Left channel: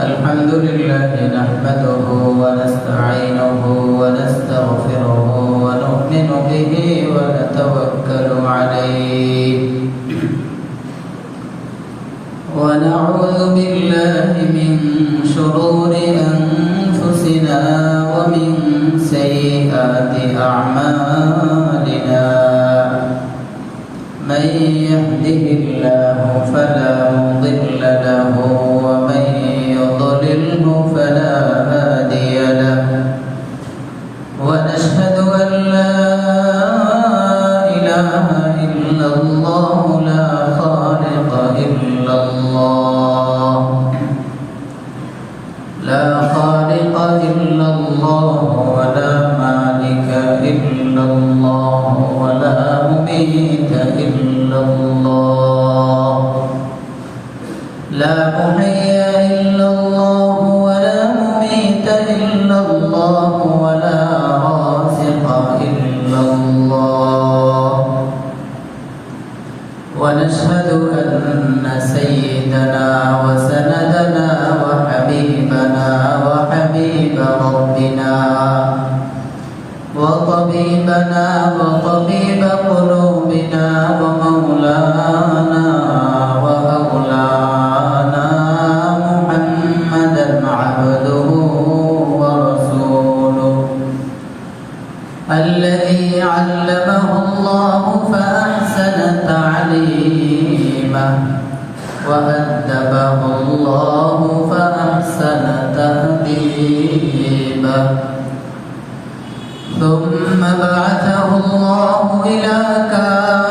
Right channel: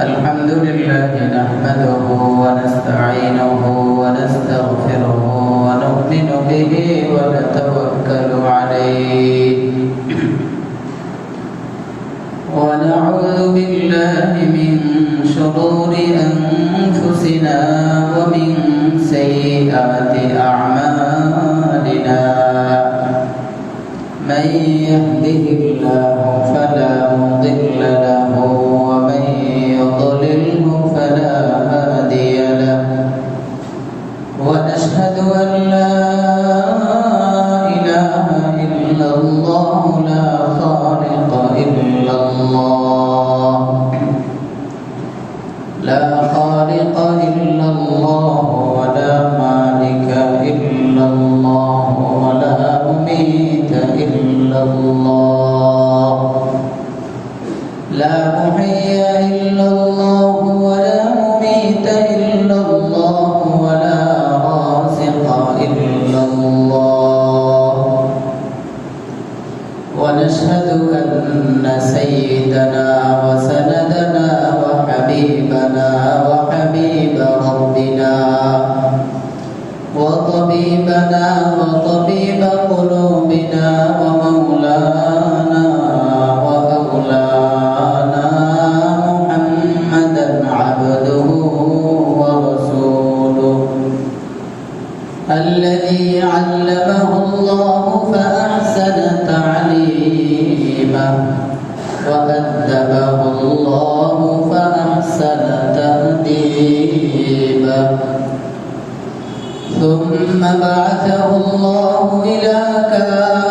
الحمد لله نحمده ونستعينه ونستغفره ونؤمن به ونتوكل عليه ونعوذ بالله من شرور أنفسنا ومن سيئات أعمالنا من يهده الله فلا مضل له ومن يضلله فلا هادي له ونشهد أن لا إله إلا الله لا خالق إلا الله لا خالق إلا الله ولا مالك إلا الله ولا مميت إلا الله لا محيي إلا الله ولا مميت إلا الله ولا رازق إلا الله ونشهد أن سيدنا وسندنا وحبيبنا وحبيب ربنا وطبيبنا وطبيب قلوبنا ومولانا وأولانا محمدا عبده ورسوله الذي علمه الله فأحسن تعليمه وأدبه الله فأحسن تأديبه ثم بعثه الله إلى كافة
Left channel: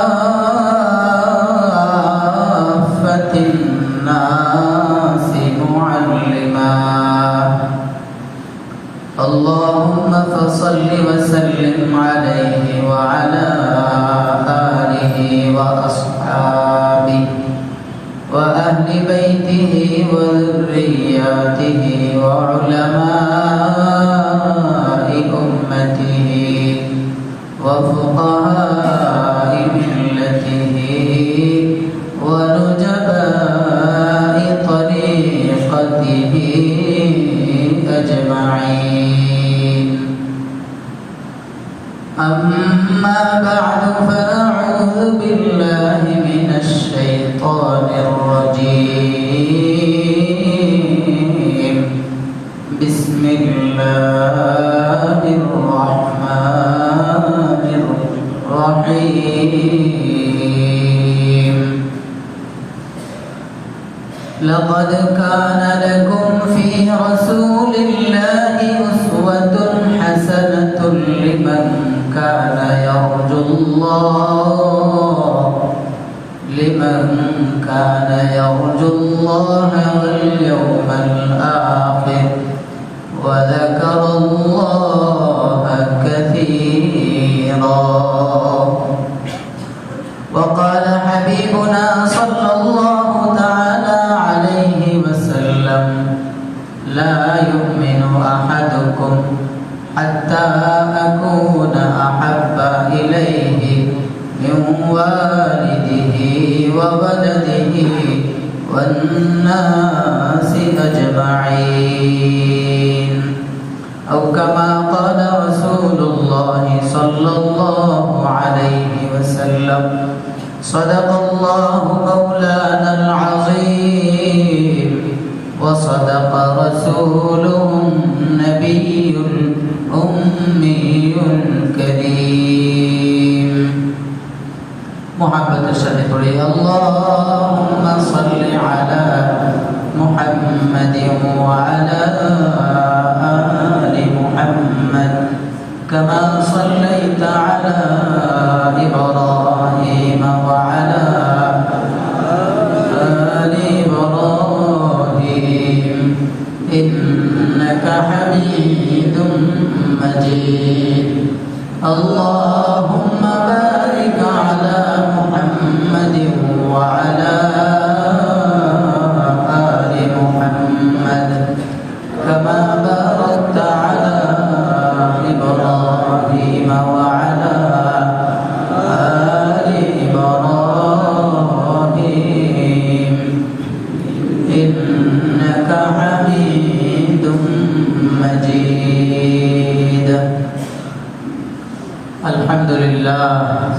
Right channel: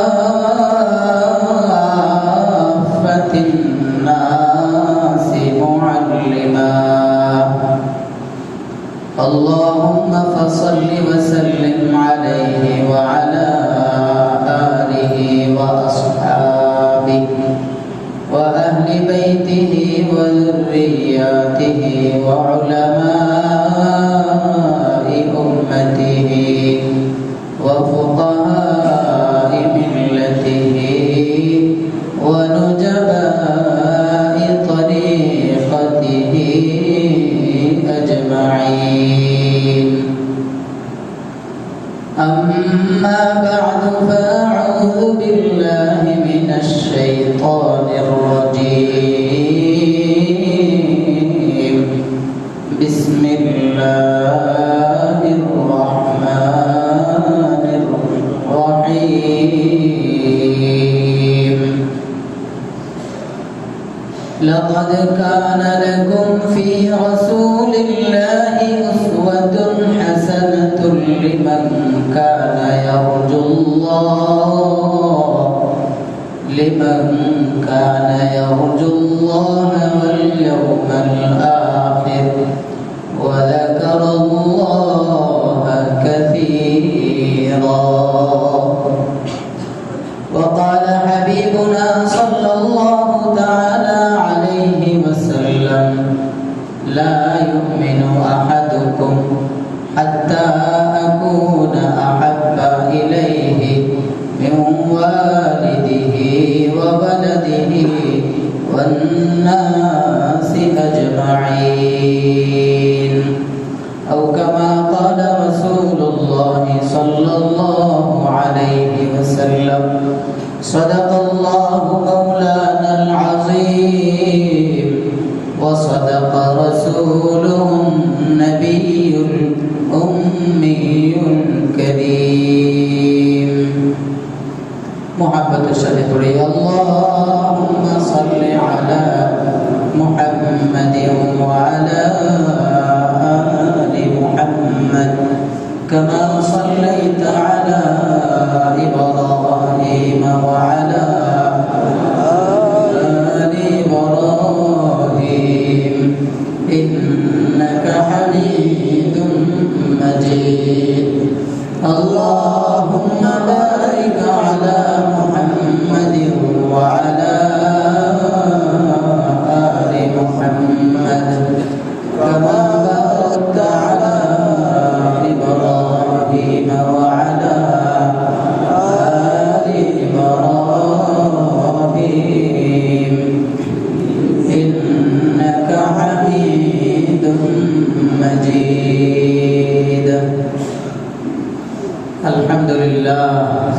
الناس معلما اللهم فصل وسلم عليه وعلى آله وأصحابه وأهل بيته وذرياته وعلماء أمته وفقهاء ملته ونجباء طريقته أجمعين أما بعد فأعوذ بالله من الشيطان الرجيم بسم الله الرحمن الرحيم لقد كان لكم في رسول الله أسوة حسنة لمن كان يرجو الله واليوم الآخر وذكر الله كثيرا وقال حبيبنا صلى الله تعالى عليه وسلم لا يؤمن أحدكم حتى أكون أحب إليه من والده وولده والناس أجمعين أو كما قال رسول الله صلى الله عليه وسلم صدق الله مولانا العظيم وصدق رسوله النبي الأمي الكريم محبة الشهيد اللهم صل على محمد وعلى آل محمد كما صليت على إبراهيم وعلى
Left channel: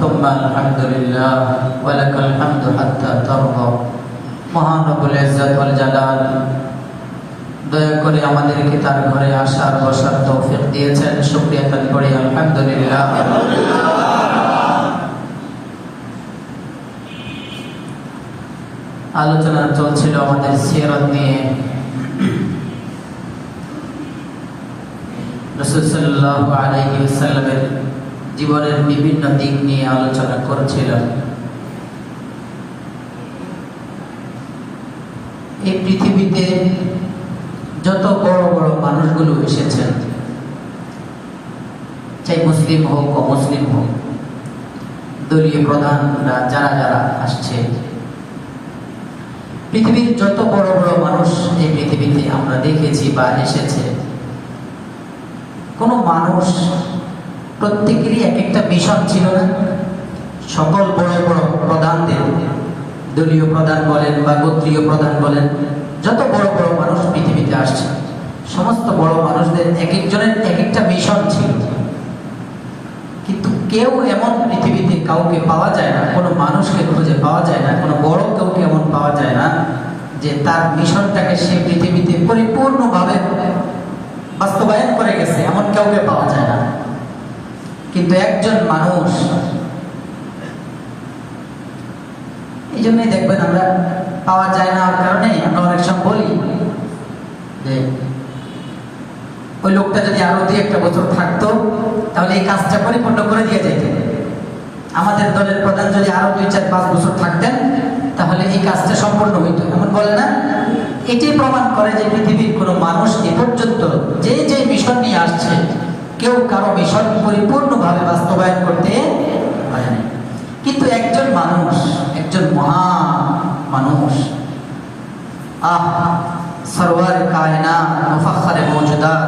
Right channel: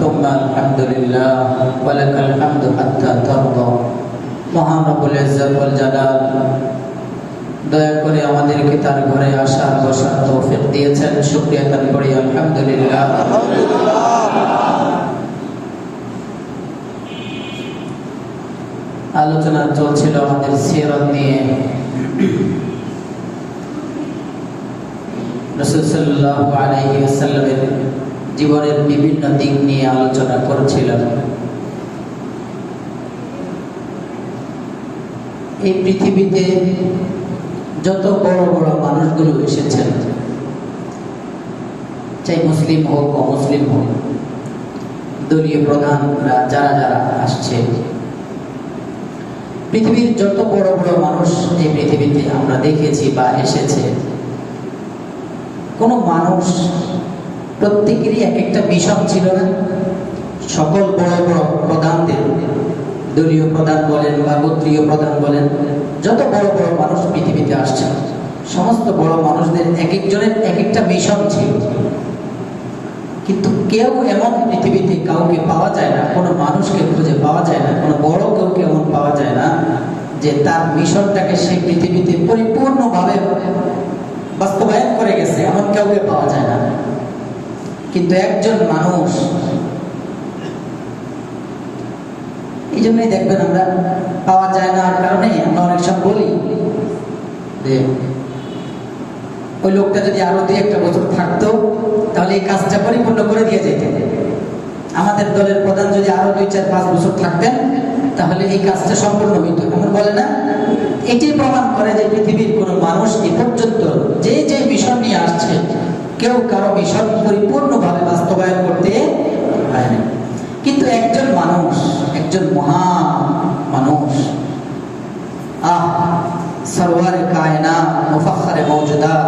ثم الحمد لله ولك الحمد حتى ترضى মহান রব্বুল ইজ্জত ওয়াল জালাল দয়া করে আমাদেরকে তার ঘরে আসার বসার তৌফিক দিয়েছেন। শুকরিয়া তার করি আলহামদুলিল্লাহ। আলোচনা চলছিল আমাদের সিরাত নিয়ে। রাসূল সাল্লাল্লাহু আলাইহি ওয়াসাল্লামের জীবনের বিভিন্ন দিক নিয়ে আলোচনা করছিলাম। এই পৃথিবীতে যত বড় বড় মানুষগুলো এসেছেন, চাই মুসলিম হোক অমুসলিম হোক, দলীয় প্রধানরা যারা যারা আসছে, পৃথিবীর যত বড় বড় মানুষ এই পৃথিবীতে আমরা দেখেছি বা এসেছে, কোনো মানুষ প্রত্যেকেরই এক একটা মিশন ছিল না? সকল বড় বড় প্রধানদের, দলীয় প্রধান বলেন বা গোত্রীয় প্রধান বলেন, যত বড় বড় মানুষ পৃথিবীতে আসছে, সমস্ত বড় মানুষদের এক একজনের এক একটা মিশন ছিল। কিন্তু কেউ এমন পৃথিবীতে কাউকে পাওয়া যায় না, কোনো মানুষকে খুঁজে পাওয়া যায় না, কোনো বড় কাউকে এমন পাওয়া যায় না যে তার মিশনটাকে সে পৃথিবীতে পরিপূর্ণভাবে বাস্তবায়ন করে গেছে, এমন কাউকে পাওয়া যায় না। কিন্তু একজন মানুষ, এই জন্যই দেখবেন আমরা পাওয়া যায় না, আর কারণে আমরা অনেক সময় বলি যে ওই লোকটা যদি আরো 2-1 বছর থাকতো তাহলে এই কাজটা পরিপূর্ণ করে দিয়ে যেত। আমাদের দলের প্রধান যদি আরো 2-4-5 বছর থাকতেন তাহলে এই কাজটা সম্পূর্ণ হইত, এমন বলে না? এটাই প্রমাণ করে যে পৃথিবীর কোনো মানুষ এ পর্যন্ত যে যে মিশন নিয়ে আসছে, কেউ কারো মিশন পরিপূর্ণভাবে বাস্তবায়ন করতে পারেনি। কিন্তু একজন মানুষ, একজন মহান মানুষ, সরওয়ার কায়নাত মুফাখখারে মওজুদাত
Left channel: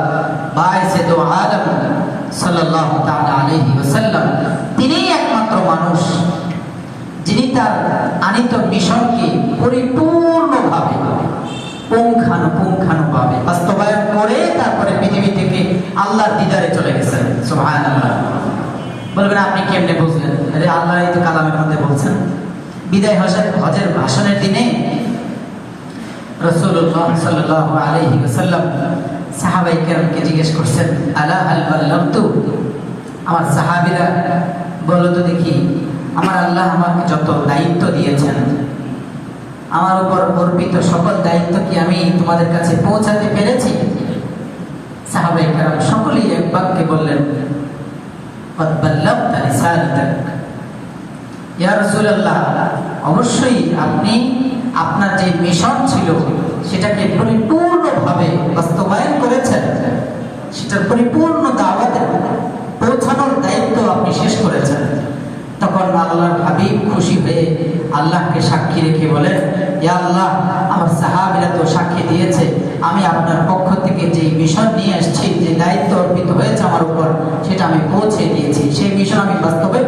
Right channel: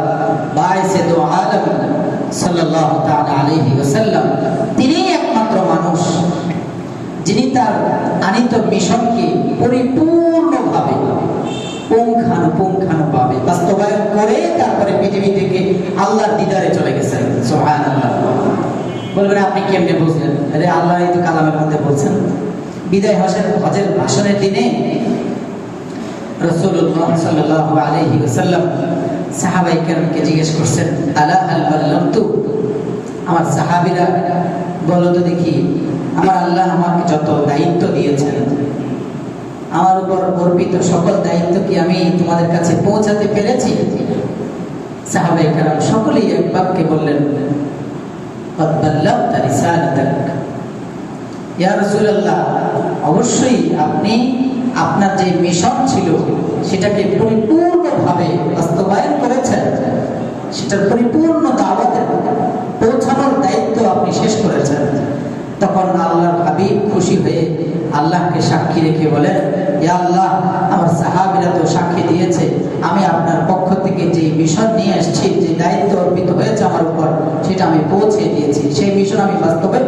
বায়েসে দো আলম সাল্লাল্লাহু তাআলা আলাইহি ওয়াসাল্লাম, তিনিই একমাত্র মানুষ যিনি তার আনিত মিশনকে পরিপূর্ণভাবে পুঙ্খানুপুঙ্খানুভাবে বাস্তবায়ন করে তারপরে পৃথিবী থেকে আল্লাহর দিদারে চলে গেছেন। সুবহানাল্লাহ। বলবেন আপনি কেমনে বুঝলেন? আরে আল্লাহ এই তো কালামের মধ্যে বলছেন। বিদায় হজের ভাষণের দিনে রাসূলুল্লাহ সাল্লাল্লাহু আলাইহি ওয়াসাল্লাম সাহাবায়ে কেরামকে জিজ্ঞেস করছেন, আলা হাল বাল্লাগতু, আমার সাহাবীরা বলো তো দেখি, আমার আল্লাহ আমাকে যত দায়িত্ব দিয়েছেন, আমার উপর অর্পিত সকল দায়িত্ব কি আমি তোমাদের কাছে পৌঁছাতে পেরেছি? সাহাবায়ে কেরাম সকলেই এক বাক্যে বললেন, ক্বাদ বাল্লাগতা রিসালাতাক, ইয়া রাসূলুল্লাহ, অবশ্যই আপনি আপনার যে মিশন ছিল সেটাকে পরিপূর্ণভাবে বাস্তবায়ন করেছেন, সেটার পরিপূর্ণ দাওয়াত পৌঁছানোর দায়িত্ব আপনি শেষ করেছেন। তখন আল্লাহর হাবিব খুশি হয়ে আল্লাহকে সাক্ষী রেখে বলেন, ইয়া আল্লাহ, আমার সাহাবীরা তো সাক্ষী দিয়েছে আমি আপনার পক্ষ থেকে যে মিশন নিয়ে আসছি, যে দায়িত্ব অর্পিত হয়েছে আমার উপর, সেটা আমি পৌঁছে দিয়েছি, সেই মিশন আমি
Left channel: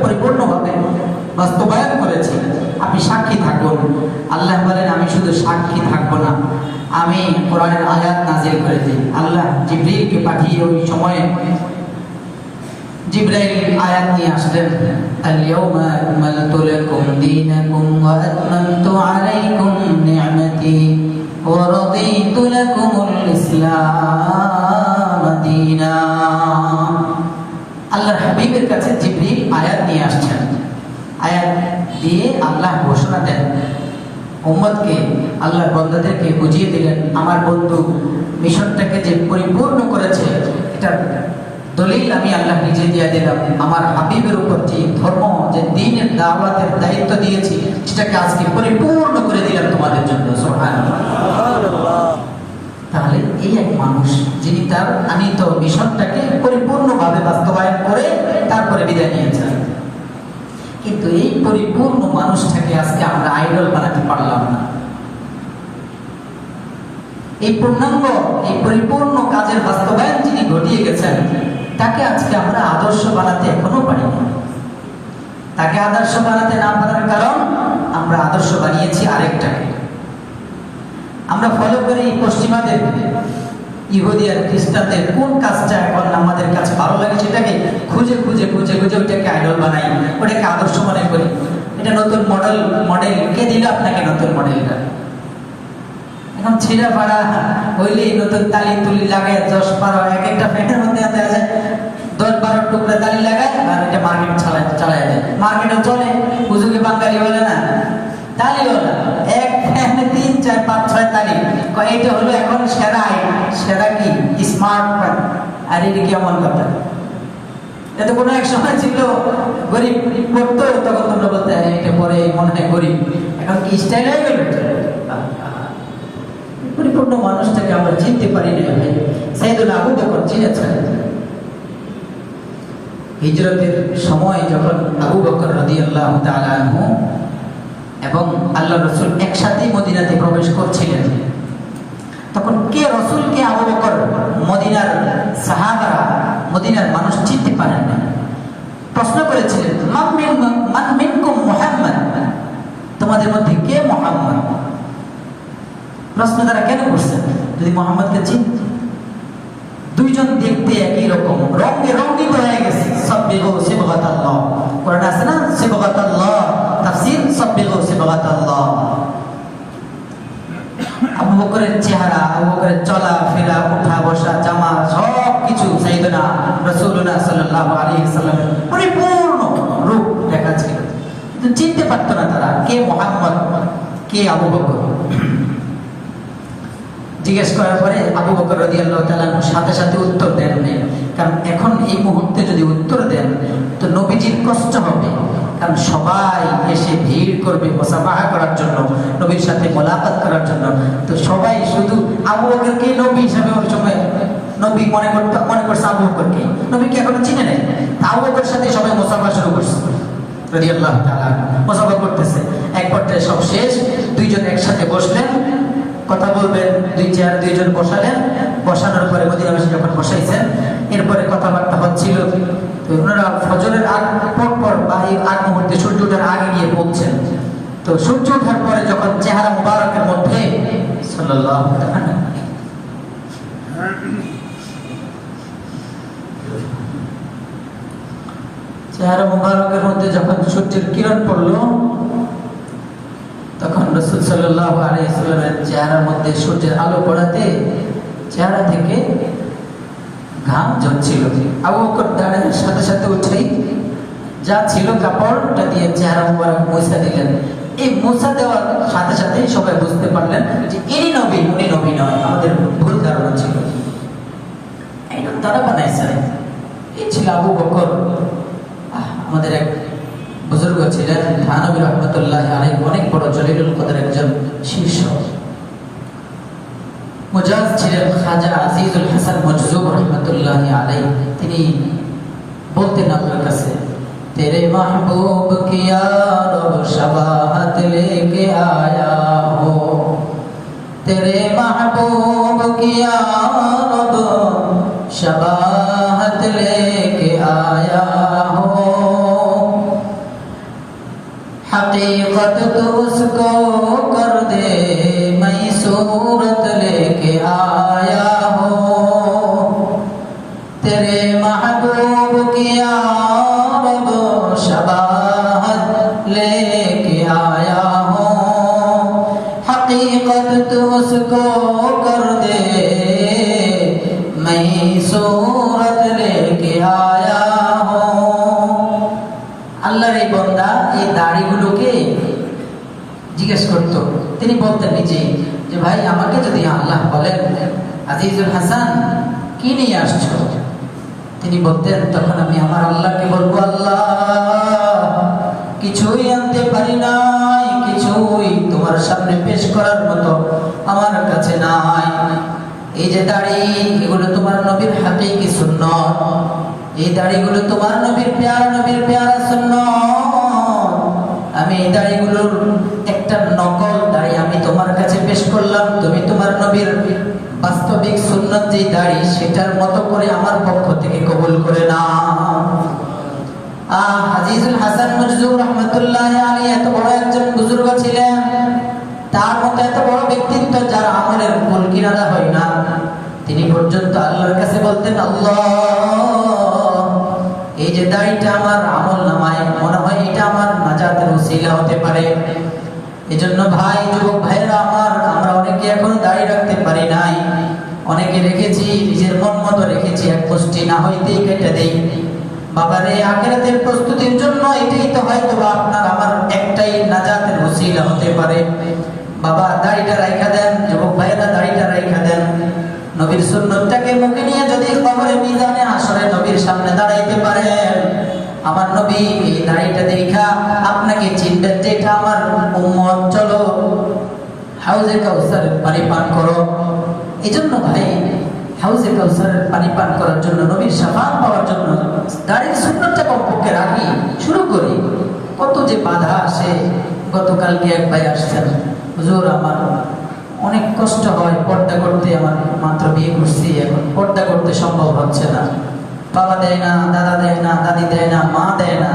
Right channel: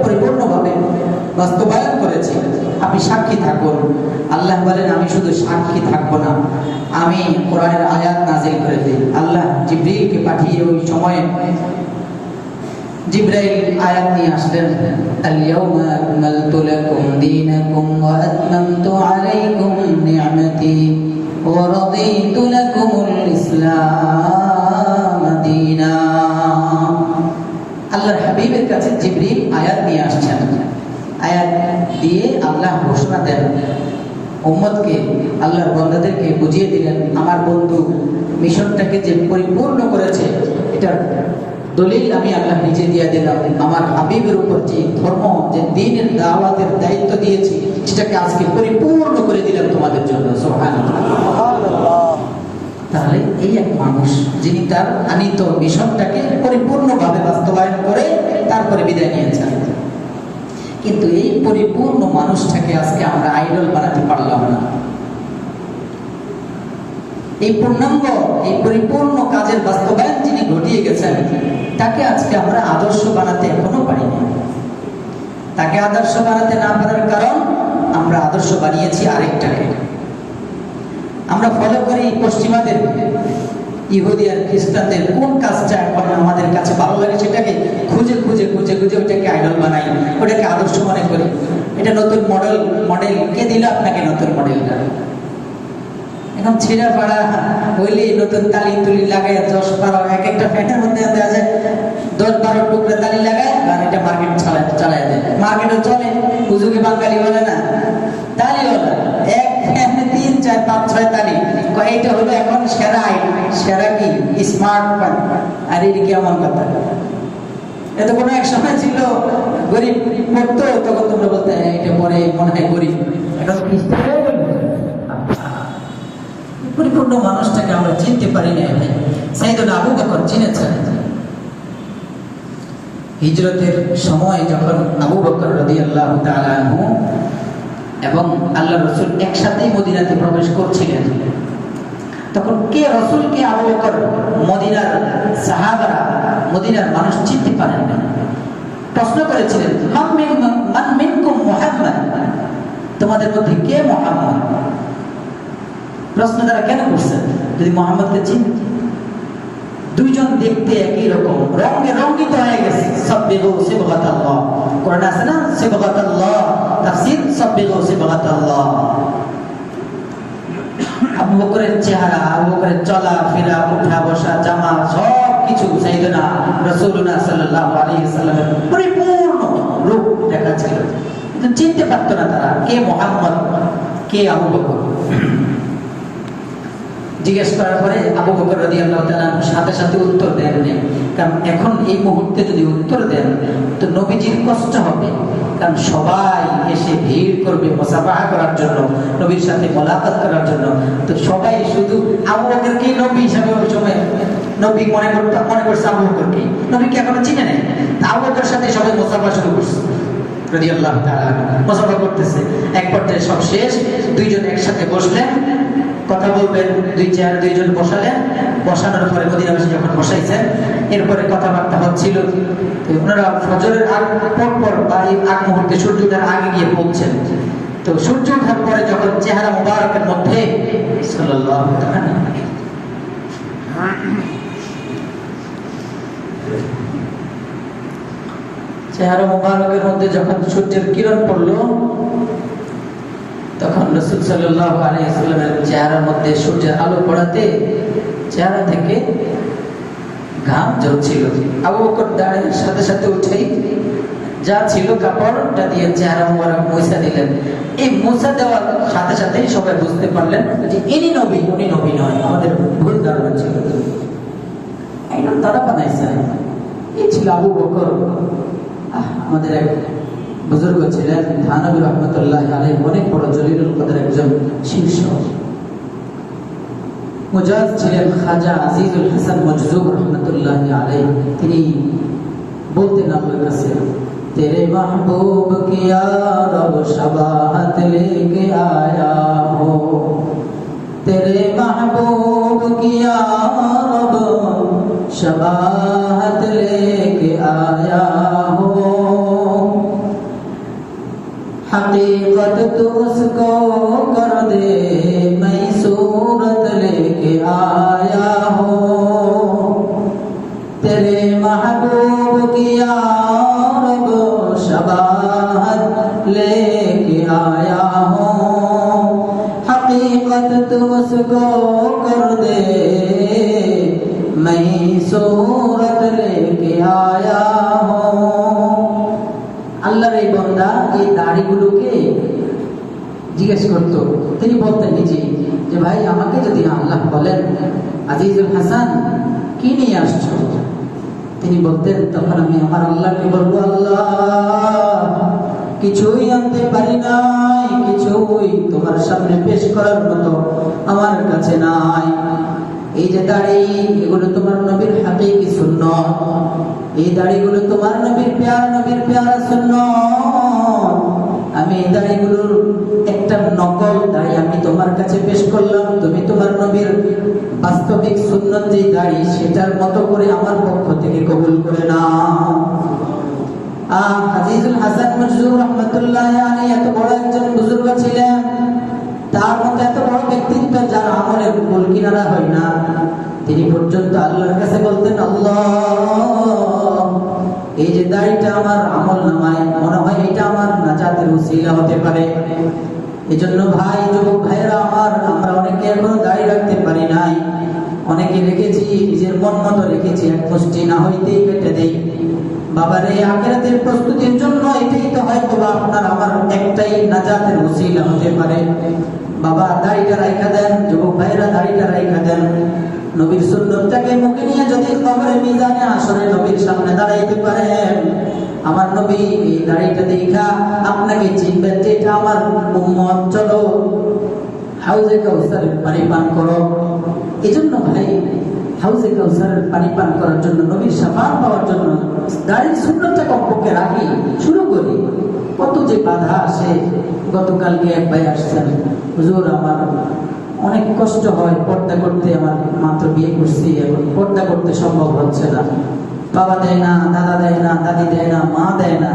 পরিপূর্ণভাবে বাস্তবায়ন করেছি, আপনি সাক্ষী থাকুন। আল্লাহ বলেন, আমি শুধু সাক্ষী থাকবো না, আমি কোরআনের আয়াত নাযিল করে দিই। আল্লাহ জিবরীলকে পাঠিয়ে ওই সময়ে জিবরাইল আয়াত নিয়ে আসলেন, আল ইয়াউমা আকমালতু লাকুম দীনাকুম ওয়া আতমামতু আলাইকুম নি'মাতি ওয়া রাদিতু লাকুমুল ইসলাম দীনা। আল্লাহর হাবিবের কাছে জিবরীল আয়াত নিয়ে আসছেন, আয়াত দিয়ে আল্লাহ ঘোষণা দেন উম্মতকে, আল্লাহর বান্দাদেরকে বুঝিয়ে দিলেন, আমার বন্ধু মিশনটাকে যে পরিপূর্ণ করেছে এটার দলিল আমি আল্লাহ নিজে দিয়ে দিলাম। আমার হাবিবের উপর যে ধর্ম, যে দ্বীনের দাওয়াতের দায়িত্ব দিয়েছি, সেটাকে আজকে পরিপূর্ণ করে দিলাম তোমাদের জন্য। সুবহানাল্লাহ। তাহলে এই এক মানুষ যিনি তার আনিত মিশনটাকে পরিপূর্ণভাবে বাস্তবায়ন করে তারপরে বিদায় নিয়েছেন। কিন্তু এই পরিপূর্ণ মানুষটাকে আজকে আমরা আইডল বানাতে পারলাম না। এই পূর্ণাঙ্গ, এই পরিপূর্ণ কাজের বাস্তবায়ন যিনি ঘটিয়ে গেছেন, তাকে আজকে আমরা আদর্শ বানাতে এখনো পারিনি। তাকে আদর্শ বানাতে না পারার কারণ, আমরা আদর্শ বানিয়েছি আরেকটাকে। আমরা ফলো করি পশ্চিমাদের, ইহুদি আর খ্রিস্টানদের কোন কাজটা এখন আমাদের কাছে ভালো লাগে সেটাকে খুঁজে খুঁজে খুঁজে খুঁজে ওইটাকে আইডল বানাই, ওটাকে আদর্শ মনে করি। এটা নতুন মডেল কে দিল আপনাকে নতুন মডেলটা? এখন ছেঁড়া পাড়া হইলেই নতুন তালি তুলি লাগায় 10-12 এক একটা প্যান্টের মধ্যে দেওয়া যায় 10-12 টুকরা তালি লাগায়, আর এটা মার্কেট চালায় যায়। মার্কেটে চলে, হুজুকে বাঙালি বলে না তালিওয়ালা, এক ফ্যানে 3-4-5-6 তালি। এইটা হলো এখন সেরা কি স্মার্ট ফোন। আর এটা কেমন কথা? এটা কোনো এক সময় ছিল গরিব পড়তো, তখন তোমরা বলতে এটা পরে মনে হয় গরিব, এখন কি স্টাইল হয়ে গেল? পরিপূর্ণ মানুষটাকে আমরা চিনতে পারি না ভাই। সাইয়েদুনা আবু বকর চিনেছেন। হিজরতের সময় যখন আবু বকর রাদিয়াল্লাহু তাআলা আনহু এবং আল্লাহ রাসূল একসাথেই মদিনাতে প্রবেশ করছিলেন, তখন কে রাসূল কে আবু বকর মদিনার সাহাবারা, মদিনার মানুষ চিনতে পারেন না। প্রশ্ন করেছিলেন, মান মিনকুম মুহাম্মদ, তোমাদের মধ্যে কে মুহাম্মদ? প্রশ্ন তারা কেন করছেন? যদি মুহাম্মদকে চিনতে, দুইজন দেখতে একই রকম, রঙে রঙিত হয়ে গেছে। সাব্বিগু সিবগাতাল্লাহ, কোরআনে আছে না সিবগাতাল্লাহ, তাফসীর সাব্বিগু সিবগাতাল্লাহ। আবু বকরের চেহারা, আবু বকরের চলা ফেরা, উঠা বসা, জামা সব কিছু সাইয়েদনা রাসূলুল্লাহ সাল্লাল্লাহু আলাইহি ওয়াসাল্লামের পরিপূর্ণ রূপ দেখা ছিল, কিন্তু চিনতে পারতো না তারা কে মুহাম্মদ, কে আবু বকর। জিজ্ঞেস করার পরে আবু বকর রাদিয়াল্লাহু তাআলা সাথে সাথে উত্তর দেননি, কারণ এখন এই মুহূর্তে যদি উত্তর দেন তো নবীজির কষ্ট হবে, কারণ সবাই এসে ভিড় করবে মুসাফাহা করার জন্য, নবীর সাথে মোলাকাত করার জন্য। তো সবাই শুধু আবু বকরকে নবী হিসাবে ওই সময় নবী মনে করছে আবু বকরকে, নবীকে এখনো চিনে নেই। আবু বকরের সাথে সবাই মুসাফাহা শুরু করছে, রাদিয়াল্লাহু তাআলা মুসাফাহা করতেছে। এক পর্যায়ে সব শেষ, দুইজন একসাথে বসলেন, কথা বলবেন, দুই চেয়ারে দুইজন বসালেন। বসানোর পরে মদিনাবাসী যখন বসাইছেন, এরপরে কথাবার্তা হচ্ছিল। ওনারা ফজরের আগ পর বা এই আগ মুহূর্তে সূর্য ওঠার আগে গিয়ে পৌঁছেন। তো সূর্য ওঠার পরে যখন চেহারা মুবারকের মধ্যে সাল্লাল্লাহু আলাইহি চেহারা মুবারকের মধ্যে যখন সূর্যের কিরণ পড়লো, তখন রাসূল সাল্লাল্লাহু আলাইহি ওয়াসাল্লামের চেহারার মধ্যে সূর্যের আলো পড়াতে চেহারা থেকে ঘাম ঝরছিল। আবু বকর দাঁড়িয়ে সাথে সাথে উঠেই যা ছিল কাপড়টা দিয়ে চেহারা মুবারক মুছা দিলেন। এই মুছা দেওয়ার সাথে সাথে সবাই বুঝতে পারলেন যে ইনি নবী, উনি নবী নয়। আমাদের ভুল ধারণা ছিল, এটা তারা বানাইছে। এই ছিল আবু বকর। আমাদের এক বুজুর্গ ছিলেন থানবী রাহমাতুল্লাহ আলাইহি, অনেক বড় জলিলুল কদর একজন শীর্ষ মুজাজ ছিলেন খাজা আজিজুল হাসান মজজুব রাহমাতুল্লাহ আলাইহি। তিনি বলতেন আপনার কাছে, তেরে মাহবুব কিয়া রব শাবাহাত লেকে আয়া হো, তেরে মাহবুব কিয়া রব শাবাহাত লেকে আয়া হো, हकीकत तो उसको कर दे मैं सूरत लेके आया हो, तेरे महबूब की रब शबाहत लेके आया हो, हकीकत तो उसको कर दे मैं सूरत लेके आया हो। আল্লাহর এই বান্দা এই দাড়িগুলোকে জিজ্ঞেস করতো, তিনি বলতেন নিজেই যে ভাই আমাকে যদি আল্লাহ বলেন আজিজুল হাসান কি নিয়ে আসছো, তিনি বলতেন তখন আমি আমার আল্লাহকে বলবো, আল্লাহ কিছুই আনতে পারি নাই, কিছুই তোমার সামনে পেশ করার মতো আমার কাছে নাই। এই যে দাড়ি, এগুলো তোমার নবীর হাকিকি সুন্নাত, এই দাড়িগুলো তোমার নবীর প্যারা সুন্নাত। আমি এই দাড়িগুলোর একটা নকল দাড়ি আমি তোমার কাছে পেশ করলাম, তুমি তোমার নবীর বাস্তবিক সুন্নাত যে দাড়ি সেটার মতো করে আমার পক্ষ থেকে কবুল করে নাও। আজিজুল হাসান মজজুব রাহমাতুল্লাহ আলাইহি এত বড় একজন বুজুর্গ ছিলেন, তার মতো এত বড় ব্যক্তিত্ব যার আমলের কুল কিনারা হয় না, তিনি বলতেন, আল্লাহ, এই যে দাড়িটা আমার আমল নামায় মনে হয় এটা আমার নাজাতের ওসিলা হতে পারে। এজন্য ভাই, যুবক ভাইরা আমার, আমরা অনেকে এখন দাড়ি রাখতে পারি নাই, অনেকে রেখেছি নিজের মন মতো রেখেছি, এক পুষ্টি না হইতেই কেটে দেই। বাবারে, আখিরাতের প্রস্তুতির জন্য এটাই তো হয়তো আপনার আমার একটাই নাজাতের ওসিলা হতে পারে। বাবা, দাড়িটা রাইখা দেন, যুবক ভাইরা দাড়িটা রাইখা দেন। নবীর সুন্নতটাকে মুখে নিয়ে যদি কবরে মিজানে হাসরে নবীর সামনে দাঁড়াইতে পারেন, আমার নবী এই দাড়িটা দেখা আপনাকে চিনবেন যে এটা আমার উম্মত, চলো হাউজে কাউসারের পানি পান করো। এজন্য ভাই, হাউজে কাউসারের পানি পান করার জন্য, নবীর শাফাআত পাওয়ার জন্য দাড়ির সুন্নতটা কমপক্ষে রাখি, শুরু করি। কত যে বাধা আসে। গতকালকে এক ভাই আসছেন, হুজুর আমার অনেক কষ্ট হয় পর্দা করতে, আমার মাত্র বিয়ে করছি, এখন পর্দা করতে সম্ভব হচ্ছে না, বাবা দেয় না, দাদা দেয় না, দাদি দেয় না, মা দেয় না।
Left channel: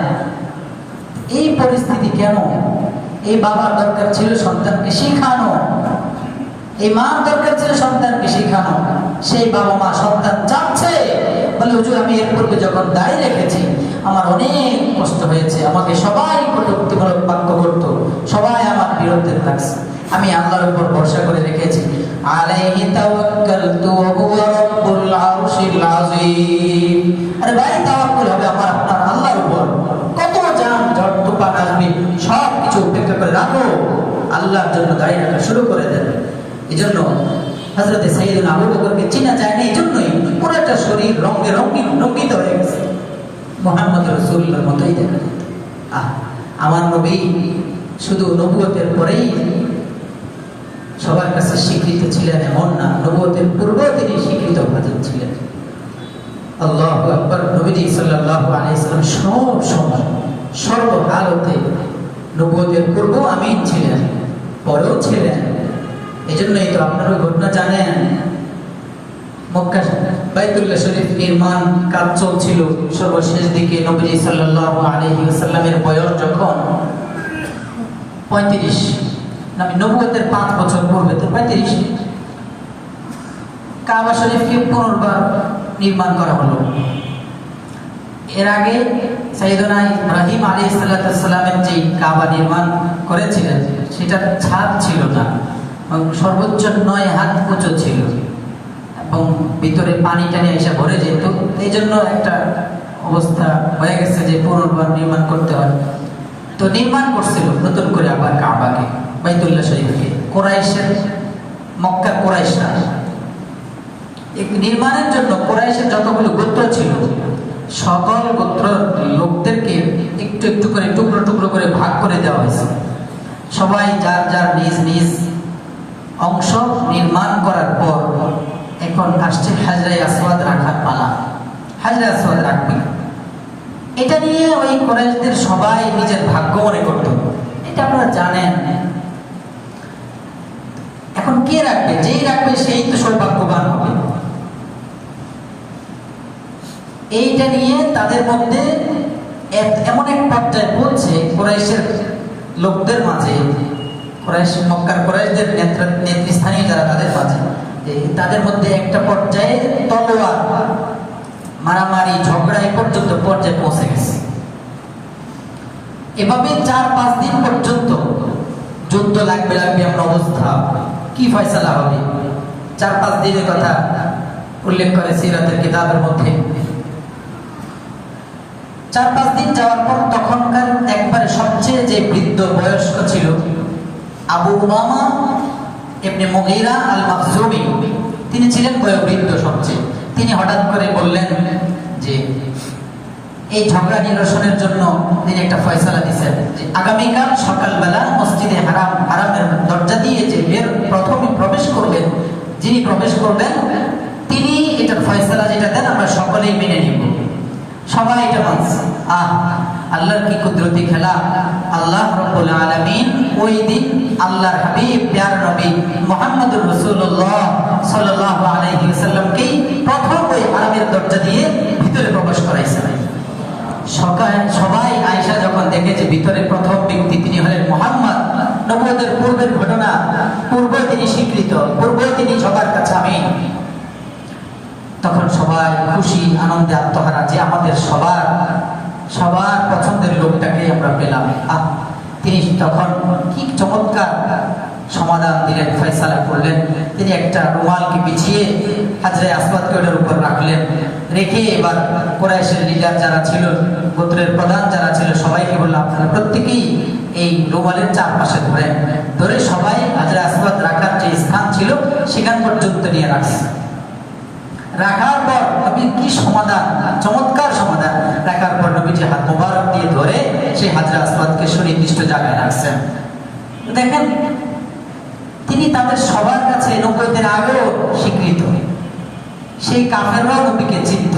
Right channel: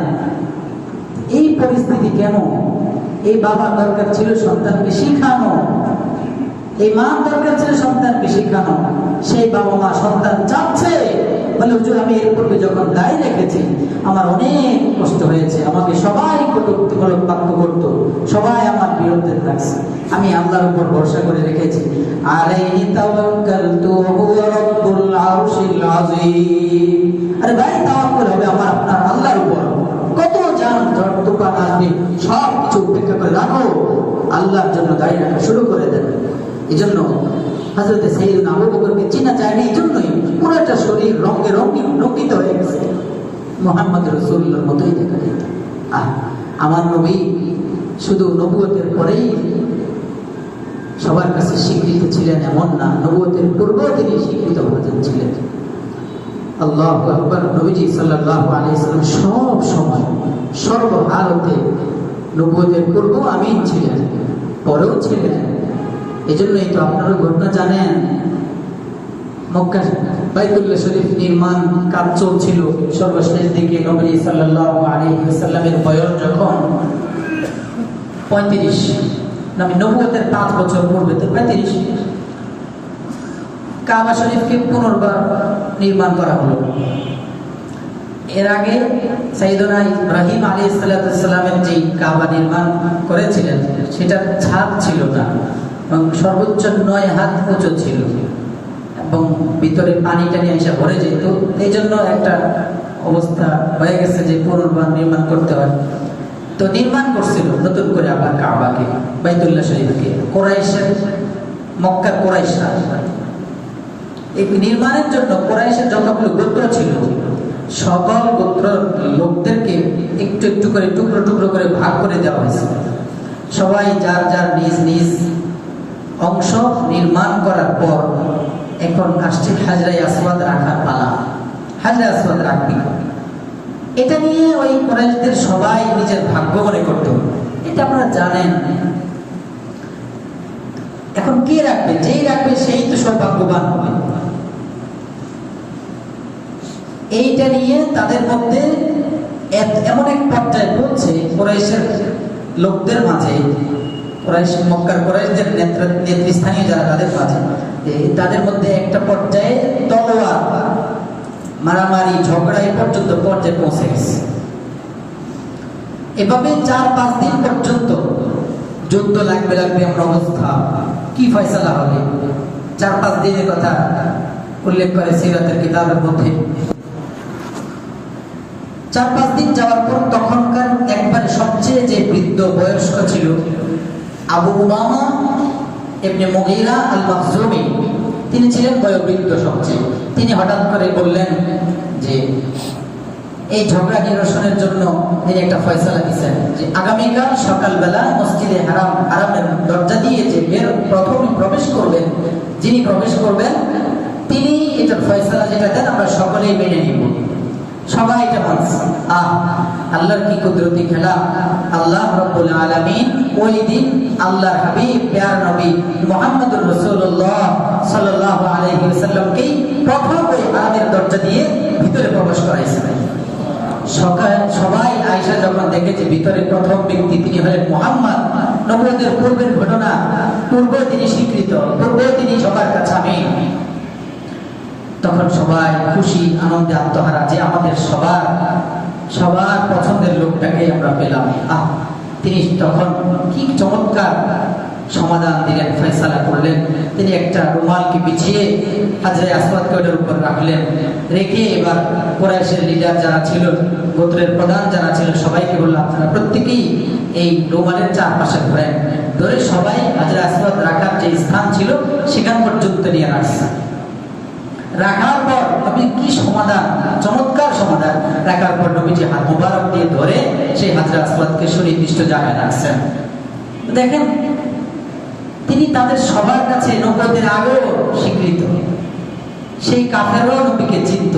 এই পরিস্থিতি কেন? এই বাবার দরকার ছিল সন্তানকে শেখানো, এই মার দরকার ছিল সন্তানকে শেখানো। সেই বাবা মা সন্তান চাচ্ছে, বলে হুজুর আমি এর পূর্বে যখন দায় রেখেছি আমার অনেক কষ্ট হয়েছে, আমাকে সবাই কটূক্তিমূলক বাক্য করতো, সবাই আমার বিরুদ্ধে থাকছে, আমি আল্লাহর উপর ভরসা করে রেখেছি। আলাইহি তাওয়াক্কালতু ওয়া হুয়া রাব্বুল আরশিল আযীম। আরে ভাই, তাওয়াক্কুল হবে আমার আপনার আল্লাহর উপর। কত জাম ঝড় তুফান আসবে, সব কিছু উপেক্ষা করে রাখো, আল্লাহর জন্য দাঁড়িয়ে রাখা শুরু করে দেন। এজন্য হযরত সাইয়েদনা আবু বকরকে চেনা যায় না, এজন্যই পুরোটা শরীর রঙে রঙিত হয়ে গেছে, মুহাম্মদ রাসূলুল্লাহর মতোই দেখা যেত। আমার নবী শুধু নবুয়তের পরেই সবার কাছে স্বীকৃত ছিলেন এমন না, নবুয়তের পূর্বেও তিনি স্বীকৃত ভাজন ছিলেন। আল্লাহু আকবার। নবীজি সাল্লাল্লাহু আলাইহি সাল্লাম সব সময় সর্বহালতে নবুয়তের পূর্বেও আমিন ছিলেন, পরেও ছিলেন। এজন্যই তো আপনারা ঘটনা জানেন, মক্কা বাইতুল্লাহ শরীফ নির্মাণ কাজ চলছিল, সর্বশেষ দিকে নবীজি সাল্লাল্লাহু আলাইহি ওয়াসাল্লামের বয়স যখন 35, নবুয়তের 5 বছর পূর্বে, 35, কাবা শরীফকে পুনর্বার নির্মাণ করা হলো। এর আগে সাইয়েদনা ইব্রাহিম আলাইহিস সালামের যে কাবা নির্মাণ করেছিলেন সেটা ছাদ ছিল না, সর্বোচ্চ 9 হাত উঁচু ছিল এবং ভিতরে পানি টানি এসে ভরে যেত। এই জন্য একটা অবস্থা হয়ে গেছে যে পুনর্বার নির্মাণ করতে হয়। তো নির্মাণ করছিল নতুন করে আবার কাবাকে, বাইতুল্লাহ শরীফকে। কুরাইশের, মক্কার কুরাইশরা এই নির্মাণের জন্য কুরাইশের যতগুলো গোত্র ছিল সকল গোত্র লোকদেরকে একটু একটু করে টুকরো টুকরো করে ভাগ করে দেওয়া হয়েছে। সবাই যার যার নিজ নিজ অংশ নির্মাণ করার পর এখন আসছে হাজরায়ে আসওয়াদ রাখার পালা। হাজরায়ে আসওয়াদ রাখবে, এটা নিয়ে ওই কুরাইশদের সবাই নিজের ভাগ্য মনে করত, এটা আপনারা জানেন। এখন কে রাখবে? যেই রাখবে সেই তো সৌভাগ্যবান হবে। এইটা নিয়ে তাদের মধ্যে এমন এক পর্যায়ে পৌঁছে কুরাইশের লোকদের মাঝে, কুরাইশ মক্কার কুরাইশদের নেতৃস্থানীয় যারা তাদের মাঝে, তাদের মধ্যে একটা পর্যায়ে তলোয়ার মারামারি ঝগড়া এই পর্যন্ত পর্যায়ে পৌঁছে গেছে। এভাবে 4-5 দিন পর্যন্ত যুদ্ধ লাগবে এমন অবস্থা। কি ফয়সালা হবে? 4-5 দিনের কথা উল্লেখ করে সিরাতের কিতাবের মধ্যে। 4-5 দিন যাওয়ার পর তখনকার একবার সবচেয়ে যে বৃদ্ধ বয়স্ক ছিল আবু উমামা ইবনে মুগীরা আল মাখজুমি, তিনি ছিলেন বয়োবৃদ্ধ সবচেয়ে। তিনি হঠাৎ করে বললেন যে এই ঝগড়া নিরসনের জন্য তিনি একটা ফয়সালা দিয়েছেন যে আগামীকাল সকালবেলা মসজিদে হারামের দরজা দিয়ে যে প্রথমে প্রবেশ করবেন, যিনি প্রবেশ করবেন তিনি এটার ফয়সালা যেটা দেন আমরা সকলেই মেনে নিব। সবাই এটা মানছে। আল্লাহর কি কুদরতি খেলা! আল্লাহ রাব্বুল আলামিন ওই দিন আল্লাহর হাবিব প্যারা নবী মুহাম্মদুর রাসূলুল্লাহ সাল্লাল্লাহু আলাইহি ওয়াসাল্লামকে প্রথম ওই হারামের দরজা দিয়ে ভিতরে প্রবেশ করাইছেন। সবাই আয়েশা যখন দেখেছে ভিতরে প্রথম ব্যক্তি তিনি হলেন মুহাম্মদ, নবুয়তের পূর্বের ঘটনা, পূর্বে তিনি স্বীকৃত, পূর্বে তিনি সবার কাছে আমিন, তখন সবাই খুশি আনন্দে আত্মহারা যে আমাদের সবার সবার পছন্দের লোকটাকে আমরা পেলাম। তিনি তখন কি চমৎকার সমাধান দিলেন, ফয়সালা করলেন। তিনি একটা রুমালকে বিছিয়ে হাজরে আসওয়াদকে ওটার উপর রাখলেন, রেখে এবার কুরাইশের লিডার যারা ছিল, গোত্রের প্রধান যারা ছিল, সবাইকে বললাম আপনারা প্রত্যেকেই এই রুমালের চারপাশে ধরে সবাই হাজরে আসওয়াদ রাখার যে স্থান ছিল সেখান পর্যন্ত নিয়ে রাখছে। রাখার পর আপনি কি সমাধান, চমৎকার সমাধান। রাখার পর নবীজি হাত মোবারক দিয়ে ধরে সেই হাজরে আসওয়াদকে সুনির্দিষ্ট জায়গায় রাখছেন। দেখেন তিনি তাদের সবার কাছে নবুয়তের আগেও স্বীকৃত। সেই কাফেররাও নবীকে চিনত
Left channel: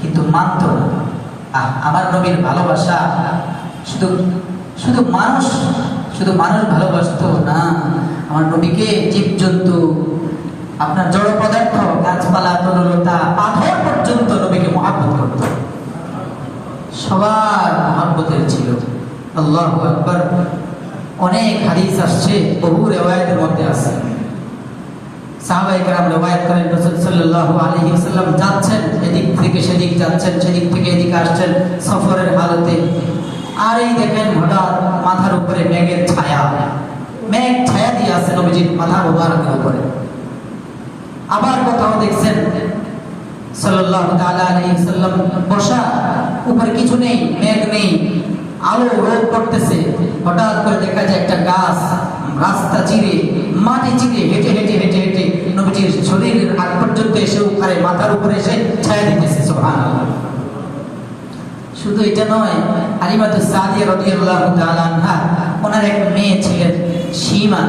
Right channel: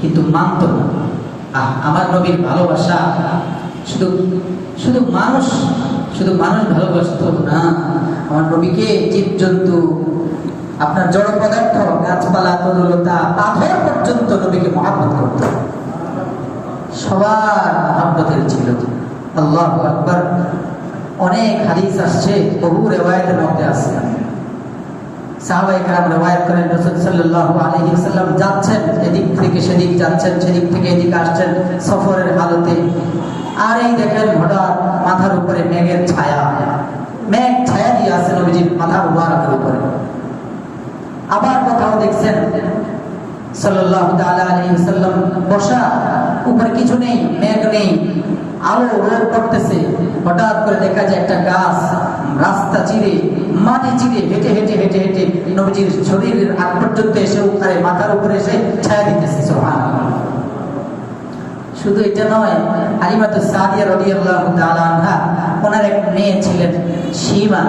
কিন্তু মানত না। আমার নবীর ভালোবাসা শুধু শুধু মানুষ ভালোবাসত না, আমার নবীকে জীবজন্তু, আপনার জড় পদার্থ, গাছপালা, তরুলতা, পাথর পর্যন্ত নবীকে মহব্বত করত। সবার মহব্বতের ছিল। আল্লাহু আকবার। অনেক হাদিস আসছে, বহু রিওয়ায়াতের মধ্যে আছে। সাহাবায়ে কেরাম রিওয়ায়াত করেন রাসূল সাল্লাল্লাহু আলাইহি ওয়াসাল্লাম যাচ্ছেন, এদিক থেকে সেদিক যাচ্ছেন, সেদিক থেকে এদিক আসছেন সফরের হালতে। আর এই দেখেন হঠাৎ মাথার উপরে মেঘের ছায়া, মেঘ ছায়া দিয়ে আছে নবীজির মাথা মুবারকের উপরে। আবার কোথাও দেখছেন সাল্লাল্লাহু তাআলা আলাইহি ওয়াসাল্লাম বসা, উপরে কিছু নেই, মেঘ নেই, আলো রোদ পড়তেছে। হঠাৎ করে দেখা যায় একটা গাছ রাস্তা চিরে, মাটি চিরে হেঁটে হেঁটে হেঁটে হেঁটে নবীজির শরীরের আগ পর্যন্ত এসে উপরে মাথার উপরে এসে ছায়া দিতেছে। সুবহানাল্লাহ। শুধু এটা নয়, হালিমাতুস সাদিয়া রাদিয়াল্লাহু তাআলা আনহা, ওনার এক মেয়ে ছিলেন সীমা।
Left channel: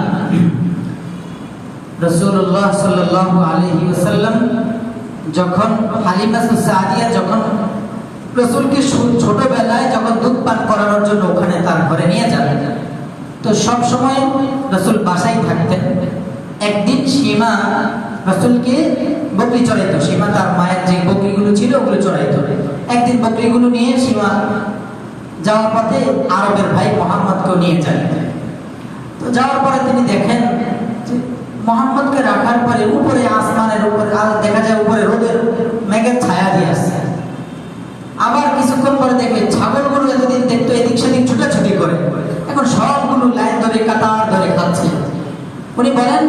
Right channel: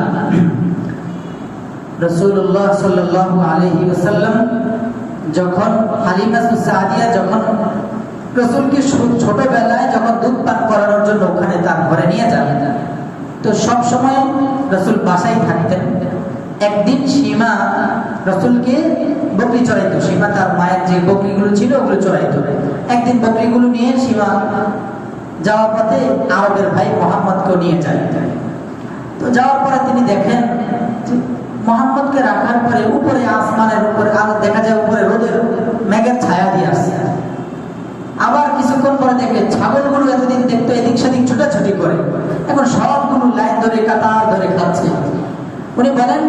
রাসূলুল্লাহ সাল্লাল্লাহু আলাইহি ওয়াসাল্লাম যখন হালিমাতুস সাদিয়া যখন রাসূলকে ছোটবেলায় যখন দুধ পান করানোর জন্য ওখানে তার ঘরে নিয়ে যান, তো সব সময় রাসূল বাসায় থাকতেন। একদিন সীমা রাসূলকে বকরি চড়াইতো। সীমা তার মায়ের যে বকরিগুলো ছিল ওগুলো চড়াইতো। একদিন বকরিগুলো নিয়ে সীমা যাওয়ার পথে আরবের ভাই মুহাম্মদকে নিয়ে যায়। তো যাওয়ার পরে তিনি দেখেন মুহাম্মদকে রাখার পরে উপরে আসমানের উপরে দেখা যায় উপরে রোদের মেঘের ছায়া দিয়ে আসছে। আবার কিছুক্ষণ পরে দেখে ছাগলগুলো এতদিন দেখতো এদিক সেদিক ছুটাছুটি করে, এখন সবগুলো লাইন ধরে কাতার ধরে খাচ্ছে। উনি বলেন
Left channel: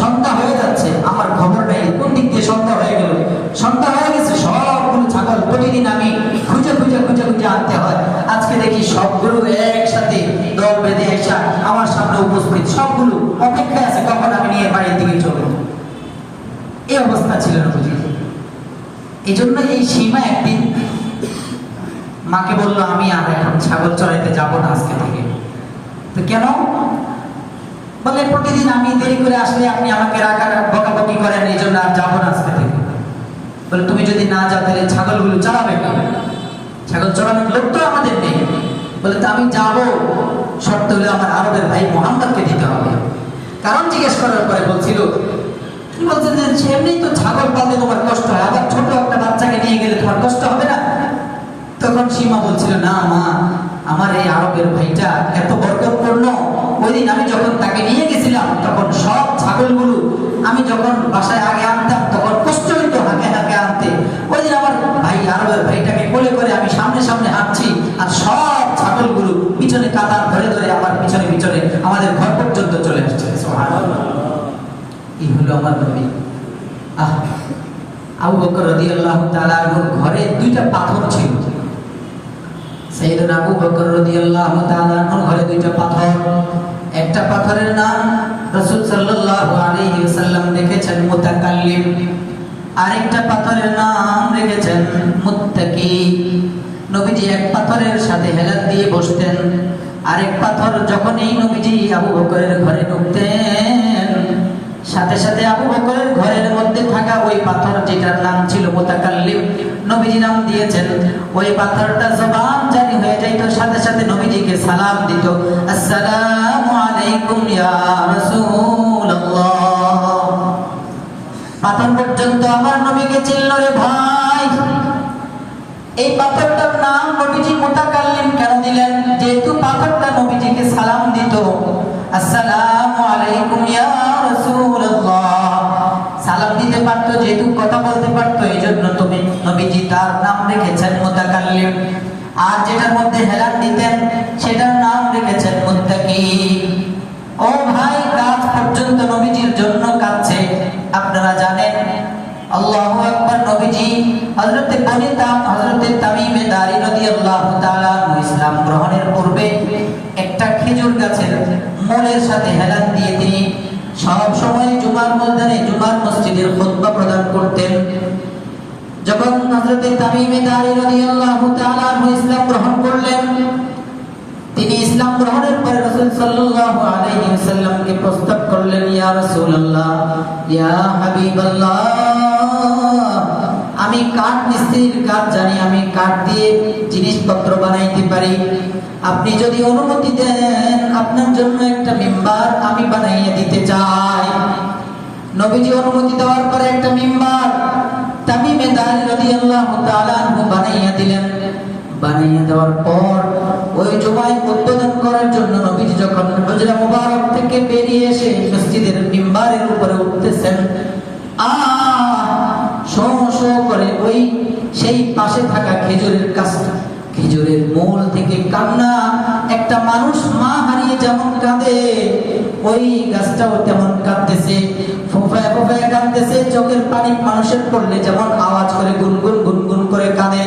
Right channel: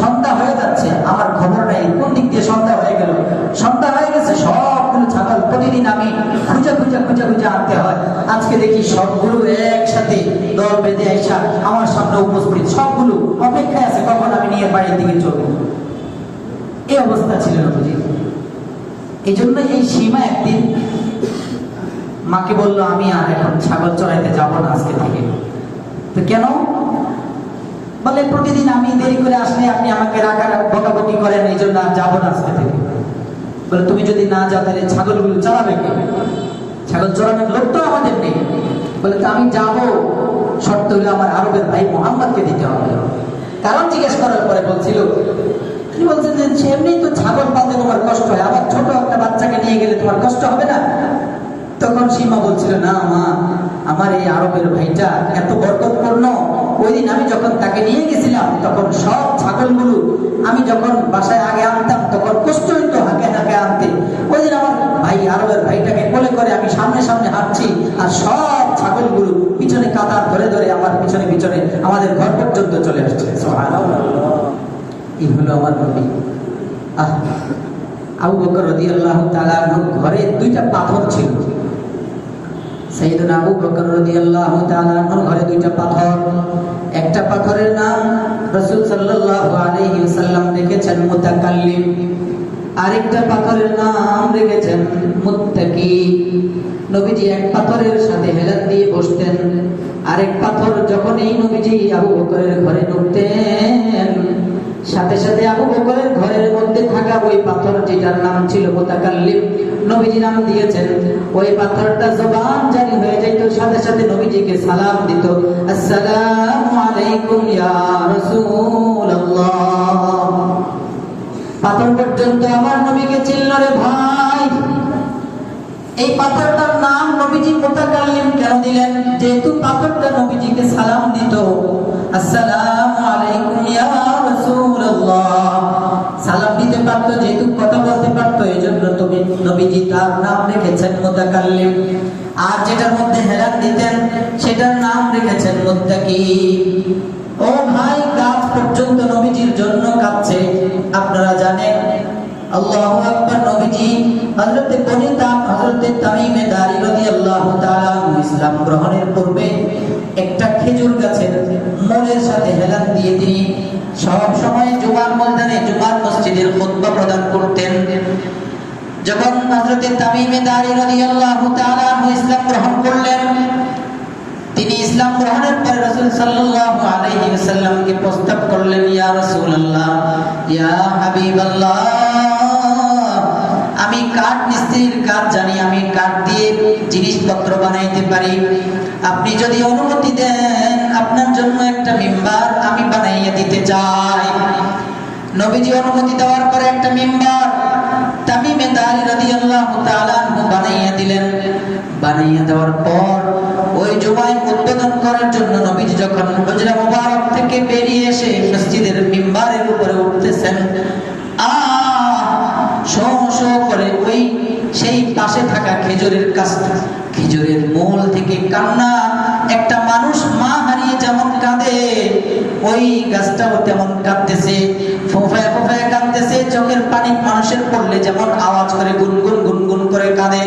সন্ধ্যা হয়ে যাচ্ছে, আমার খবর নাই কোন দিক দিয়ে সন্ধ্যা হয়ে গেল। সন্ধ্যা হয়ে গেছে, সবগুলো ছাগল প্রতিদিন আমি খুঁজে খুঁজে খুঁজে খুঁজে আনতে হয়, আজকে দেখি সবগুলো একসাথে দল বেঁধে এসে আমার সামনে উপস্থিত, সবগুলো অপেক্ষায় আছে কখন আমি নিয়ে বাড়ির দিকে চলব। এই অবস্থা ছিল নবীজি। এই জন্য এই সীমা একদিন মাকে বললো, আমি আর এখন ছাগল চড়াইতে যাবো না আজকে থেকে। তো কেন? বলে প্রতিদিন আমি দেরি করে আসলে আপনি আমাকে বকাবকি করেন, এই জন্য আর যাবো না আজকে থেকে। বলে তুমি যদি না যাও তাহলে ছাগলগুলো চড়াবে কে? ছাগল চড়ানোর লোক তো আমাদের নেই। বলে তো আমি যাবো, শর্ত হলে আমার আরবের ভাই মুহাম্মদকে দিতে হবে। কারণ জিজ্ঞেস করার পরে বলছিল, তিনি বলছেন যে এমনি তো ছাগল পালতে তোমার কষ্ট হয়, আবার ছোট একটা বাচ্চাকে নিয়ে গেলে তোমার কষ্ট হবে না? তখন সীমা বলছিল, না মা, আমার এই আরবের ভাইটা এত বরকতপূর্ণ, ওই দিন আমি যখন তাকে নিয়ে গেছিলাম তখন সব ছাগলগুলো আমি যখন বাসায় আগে আনতাম তখন কষ্ট হইতো হাঁকে হাঁকে আনতে। ওই দিন আমার ভাই আরবের ভাইটাকে কোলে করে আমি সামনে সামনে হাঁটছি, আর সব ছাগলগুলো পিছনে কাতার ধরে ধরে আমার পিছনে পিছনে আমাদের ঘর পর্যন্ত চলে আসছে। সুবহানাল্লাহ। এই হলো আমার নবী। আবু বকর রাদিয়াল্লাহু তাআলা আনহুর ঘরে দুইটা পাথর ছিল। সাইয়েদনা আবু বকর রাদিয়াল্লাহু তাআলা আনহুর ঘরে দুইটা পাথর। একটা পাথরের নাম রাসূল সাল্লাল্লাহু আলাইহি ওয়াসাল্লাম রেখেছেন মুতাকাল্লিম, আরেকটা পাথরের নাম রেখেছেন মুত্তাকি। নবীজি এক পাথরের সাথে হেলাত দিয়ে বসতেন, আরেক পাথর যখন এই নবীজি আবু বকরের ঘরে ঢুকতেন সাথে সাথে আবু বকরের ঘরের মধ্যে থাকা ওই পাথর যেটার নাম ছিল মুতাকাল্লিম, নবীজি নাম দিয়েছেন, ওই পাথরটা জবান জারি হয়ে যাইতো, সাথে সাথে নবীজিকে সালাম দিত, আসসালামু আলাইকুম ইয়া রাসূলুল্লাহ। পাথর পর্যন্ত আমার নবীকে চিনল রে ভাই। এই পাথরটার নাম নবীজি মুতাকাল্লিম কেন দিলেন? যেহেতু পাথরটা নবীজিকে সালাম দিত, আসসালামু আলাইকুম ইয়া রাসূলুল্লাহ, সালাম দিতে পারতো, যেহেতু কথা বলতে পারতো, এই জন্য তুমি নবীজি তার নাম রেখেছেন মুতাকাল্লিম। আর যেটার মধ্যে হেলান দিতেন সেটার নাম রেখেছেন মুত্তাকি। ও ভাই, গাছ পর্যন্ত নবীজির জন্য কাঁদছে। আপনারা জানেন, আল্লাহু আকবার, নবীজি হযরতে তামিমে দারি রাদিয়াল্লাহু তাআলা ইসলাম গ্রহণের পূর্বে একটা খেজুর গাছের মূলের সাথে হেলান দিয়ে তিনি সব সময় জুমার ময়দানে, জুমার মসজিদের খুতবা প্রদান করতেন। যখন হযরতে তামিমে দারি রাদিয়াল্লাহু তাআলা ইসলাম গ্রহণ করলেন, তিনি ইসলাম গ্রহণের পরে রাসূল সাল্লাল্লাহু আলাইহি ওয়াসাল্লামকে প্রস্তাব করলেন, ইয়া রাসূলুল্লাহ, ইয়া হাবিবাল্লাহ, আমি কাঠ মিস্ত্রির কাজ জানি, আমি কাঠ দিয়ে জিনিসপত্র বানাইতে পারি। আপনি যদি অনুমতি দেন, আপনার জন্য একটা মিম্বার আমি বানাইয়া দিতে চাই। নবীজি অনুমতি দেওয়ার পরে একটা মিম্বার তামিমে দারি রাদিয়াল্লাহু তাআলা বানাইয়া দিলেন। বানাইয়া দেওয়ার পর ওই জুমায় উদ্বোধন করার জন্য নবীজি যখন হুজরা মুবারক থেকে বেরিয়ে এসে মসজিদের মিম্বারের উপরে উঠতেছেন, শো শো করে ওই সেই পাশে থাকা খেজুরের গাছটা, খেজুরের মূল থেকে কান্না, একটা মানুষ মা হারিয়ে যেমন কাঁদে, ওই গাছটাও তেমন কাঁদতেছে, ফোঁফায় ফোঁফায় কাঁদতেছে। চোখের পানি মানুষের পড়লে যেমন আওয়াজ করে গুনগুন গুনগুন করে কাঁদে,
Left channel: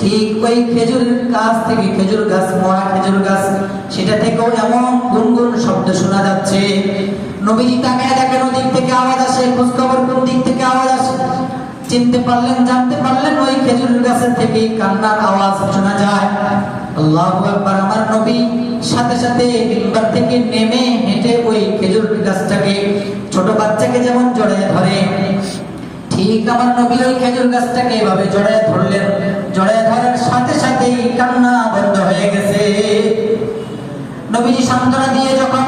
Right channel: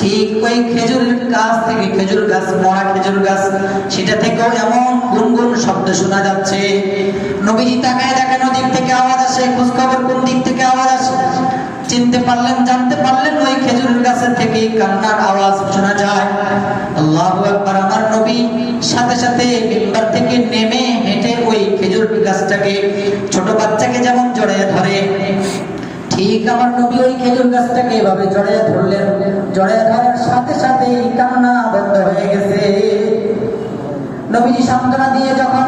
ঠিক ওই খেজুরের গাছ থেকে, খেজুর গাছ, মরা খেজুর গাছ, সেটা থেকেও এমন গুনগুন শব্দ শোনা যাচ্ছে। নবীজি তাকায় দেখেন ওদিক থেকে আওয়াজ আসে, খোঁজ খবর কোন দিক থেকে আওয়াজ আসে, চিনতে পারলেন, জানতে পারলেন ওই খেজুরের গাছের থেকে কান্নার আওয়াজ শোনা যায়। আল্লাহু আকবার। আমার নবী সাথে সাথে মিম্বার থেকে নেমে হেঁটে ওই খেজুর গাছটাকে, ছোট বাচ্চাকে যেমন জড়ায় ধরে, ঠিক আমার নবী ওই খেজুর গাছটাকে এভাবে জড়ায় ধরলেন। জড়ায় ধরার সাথে সাথে কান্না বন্ধ হয়ে গেছে। নবীজি সান্ত্বনা দিয়ে যখন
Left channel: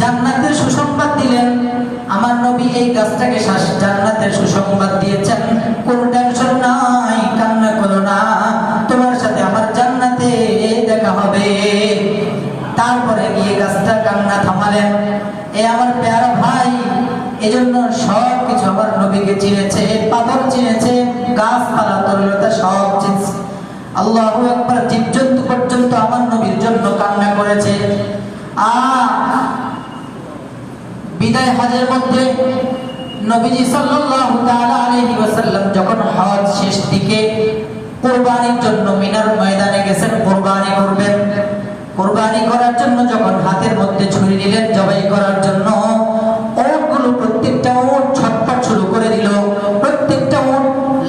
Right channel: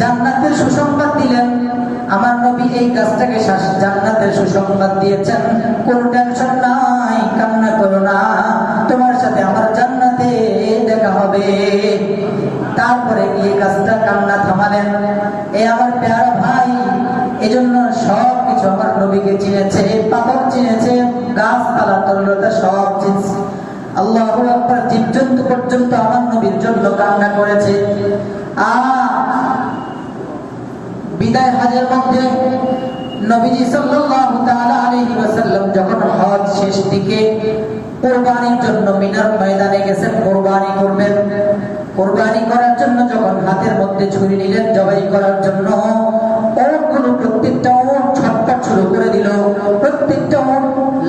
জান্নাতের সুসংবাদ দিলেন, আমার নবী এই গাছটাকে জান্নাতের সুসংবাদ দিয়েছেন, কোনো টেনশন নাই, কান্না করো না, তোমার সাথে আমার জান্নাতে দেখা হবে। তারপরে গিয়ে গাছটা কান্না থামালেন। এ আমার প্যারা ভাই, এজন্য সব কিছু আমার নবীকে চিনেছে, পাথর চিনেছে, গাছপালা, তরলতা সব চিনছে। আল্লাহু আকবার। জীবজন্তু পর্যন্ত আমার নবীর জন্য কান্না করেছে। বিদায় হজের মধ্যে নবীজি সাল্লাল্লাহু তাআলা আলাইহি ওয়াসাল্লাম যখন হজ শেষ দিকে কুরবানির জন্য মিনার ময়দানে গেছেন, কুরবানি করবেন। কুরবানি করার জন্য যখন হাতের মধ্যে ছুরি নিলেন জবাই করার জন্য, ওটগুলো প্রত্যেকটা ওট ছটফট শুরু করে দিল, প্রত্যেকটা ওট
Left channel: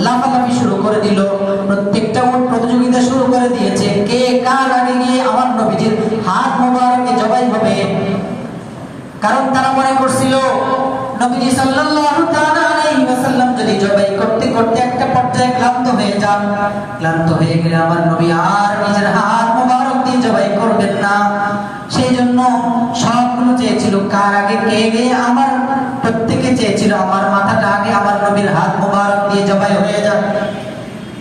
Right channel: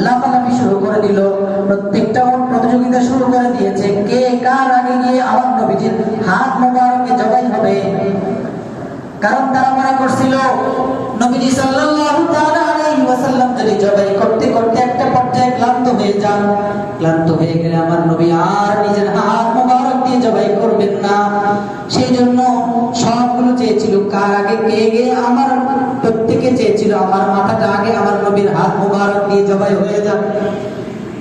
লাফালাফি শুরু করে দিল, প্রত্যেকটা ওট প্রতিযোগিতা শুরু করে দিয়েছে, কে কার আগে গিয়ে আমার নবীজির হাত মোবারকে জবাই হবে। কারণ তারা মনে করছিল নবীজি সাল্লাল্লাহু তাআলা আলাইহি ওয়াসাল্লাম যদি জবাই করতে করতে একটা পর্যায়ে ক্লান্ত হয়ে যান, ক্লান্ত হয়ে গেলে আমার নবী আর নিজের হাত মোবারক দিয়ে জবাই করবেন না। সেই জন্য সবগুলো চেয়েছিল কার আগে কে গে, আমার প্রত্যেকে চেয়েছিল আমার মাথাটা আগে আমার নবীর হাত মোবারক দিয়ে জবাই হয়ে যান।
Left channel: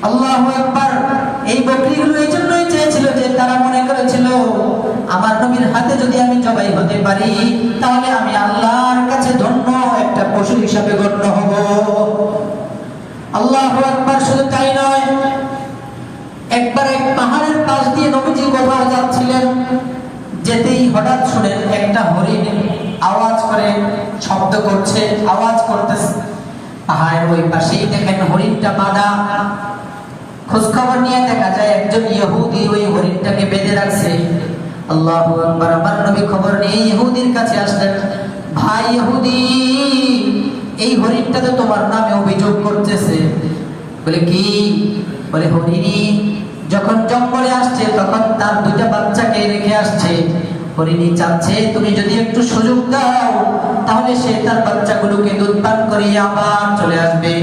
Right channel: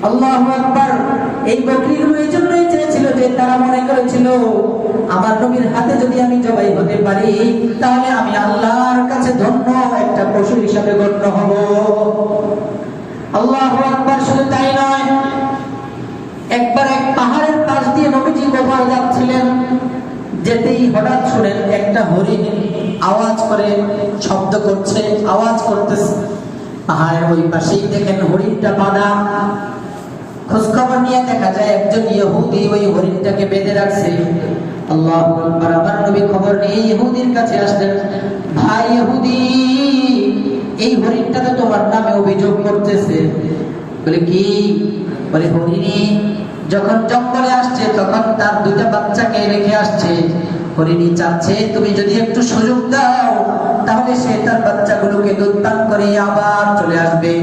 আল্লাহু আকবার। এই বকরিগুলো এই জন্যই চেয়েছিল যে তারা মনে করেছিল আমার নবীর হাতে যদি আমি জবাই হতে পারি, তাহলে আমি আল্লাহর কাছে ধন্য একটা পশু হিসাবে গণ্য হব। আল্লাহু আকবার। শুধু তাই নয়, একবার এক পাহাড়ের পাশ দিয়ে নবীজি কোথাও যাচ্ছিলেন, যেতেই হঠাৎ শুনেন একটা হরিণ আওয়াজ করে, শব্দ করছে, আওয়াজ করতেছে। পাহাড়ের ওই পাশেই দেখেন হরিণটা বাঁধা। খোঁজখবর নিয়ে দেখা যায় একজন ইহুদি ওই হরিণটাকে বেঁধে রাখছে। আল্লাহু আকবার। আমার নবী খবর নিয়ে ইহুদির কাছে আসলেন, ভাই ইহুদি, এই হরিণটা তো তোমার নামে অভিযোগ করতেছে। বলে কি? বলে হরিণী যখন জঙ্গলে আসছে তখন তার দুইটা বাচ্চাকে রেখে আসছে। হরিণী চাচ্ছে তুমি যদি একটু সুযোগ দাও, তাহলে সে তার বাচ্চাগুলোকে দুধ পান করে আবার চলে আসবে।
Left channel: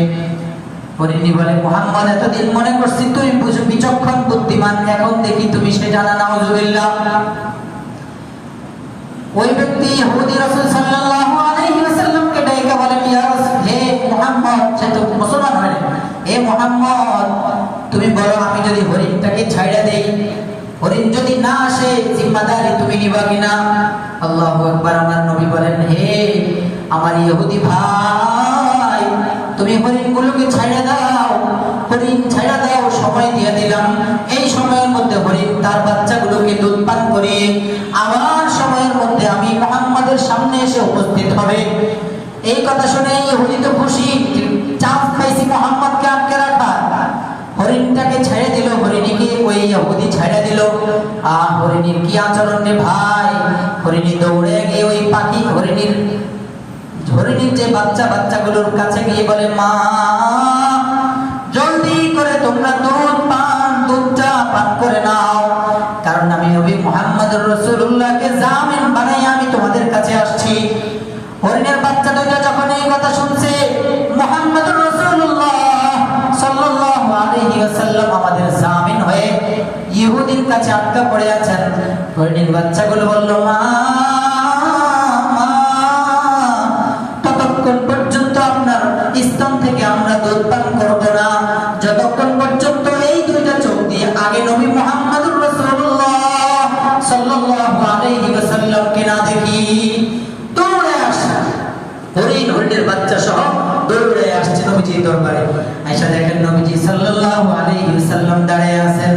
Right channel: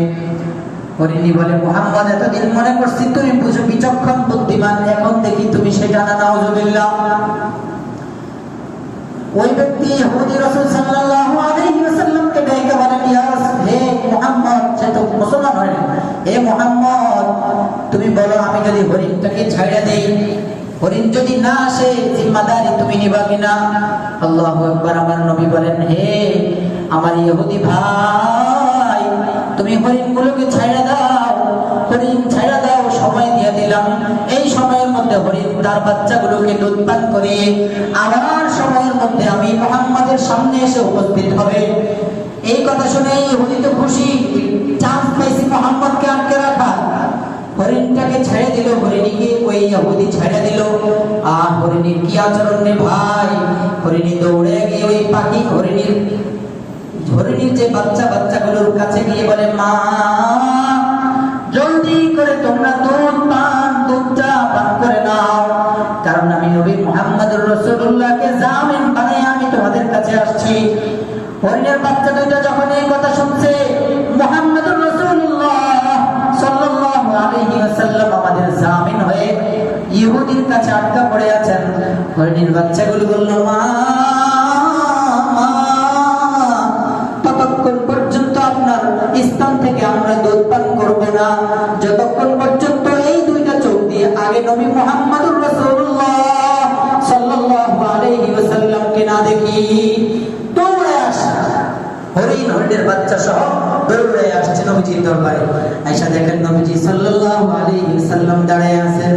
হরিণী বলে, মুহাম্মদ, এতদিন মনে করছি তুই বিচক্ষণ বুদ্ধিমান, এখন দেখি তুমি সেটা না। নাউযুবিল্লাহ। ওই ব্যক্তি ইহুদি রাসূল সাল্লাল্লাহু আলাইহি ওয়াসাল্লামকে ডাইকা বলেন, ইয়া রাসূল, হে মুহাম্মদ, সে তো মুসলমান হয়, হে মুহাম্মদ, তুমি বলো আমি যদি হরিণটাকে ছাইড়া দেই, হরিণ যদি না আসে, জিম্মাদারি তুমি নিবা কিনা? আল্লাহু আকবার। আমার নবী বলেন, হে আমার ইহুদি ভাই, তুমি হরিণগুলোকে ছাইড়া দাও, হরিণ ছাইড়া দাও, সময় দিয়ে দিলাম। এই সময়ের মধ্যে হরিণ তার বাচ্চাগুলোকে দুধ পান করে আমার সময়ের মধ্যে আমি মুহাম্মাদের সামনে এসে উপস্থিত হবে। এই কথা শুনে ইহুদি তো খুশি, চান্স পাইছি মুহাম্মদকে আটকে রাখা। হরিণটাকে ছেড়ে দিল, হরিণীকে ওই ইহুদি ছেড়ে দিল। হরিণীর কি আচরণ রে ভাই! হরিণী দৌড়ে গিয়ে ওই পাখি হরিণীর যে বাচ্চাগুলোর কাছে গিয়ে বলে, মা জলদি করে তোমরা দুধটা পান করে নাও, কারণ আমি নবী মুহাম্মদুর রাসূলুল্লাহকে জামিন বানাই আমি তোমাদের কাছে আসছি। হরিণের বাচ্চা দুইটা যখন এই কথা শুনছে, মুহাম্মদুর রাসূলুল্লাহ সাল্লাল্লাহু আলাইহি ওয়াসাল্লাম আমাদের জামিন হয়ে ইহুদির কাছে আটকা পড়ে আছেন। হরিণের বাচ্চাগুলো বলল, মা ততক্ষণ পর্যন্ত আপনার স্তন থেকে আমরা দুধ পান করব না, যতক্ষণ পর্যন্ত এই দুইটা চোখ দিয়ে আগে নবী মুহাম্মদুর রাসূলুল্লাহ সাল্লাল্লাহু আলাইহি ওয়াসাল্লামকে না দেখি। দৌড়ে আসে হরিণের বাচ্চা সহ দৌড়ে আসছে নবীজির দরবারে। আয়েশা দেখেন নবীজি সাল্লাল্লাহু আলাইহি ওয়াসাল্লাম দাঁড়ায় আছেন,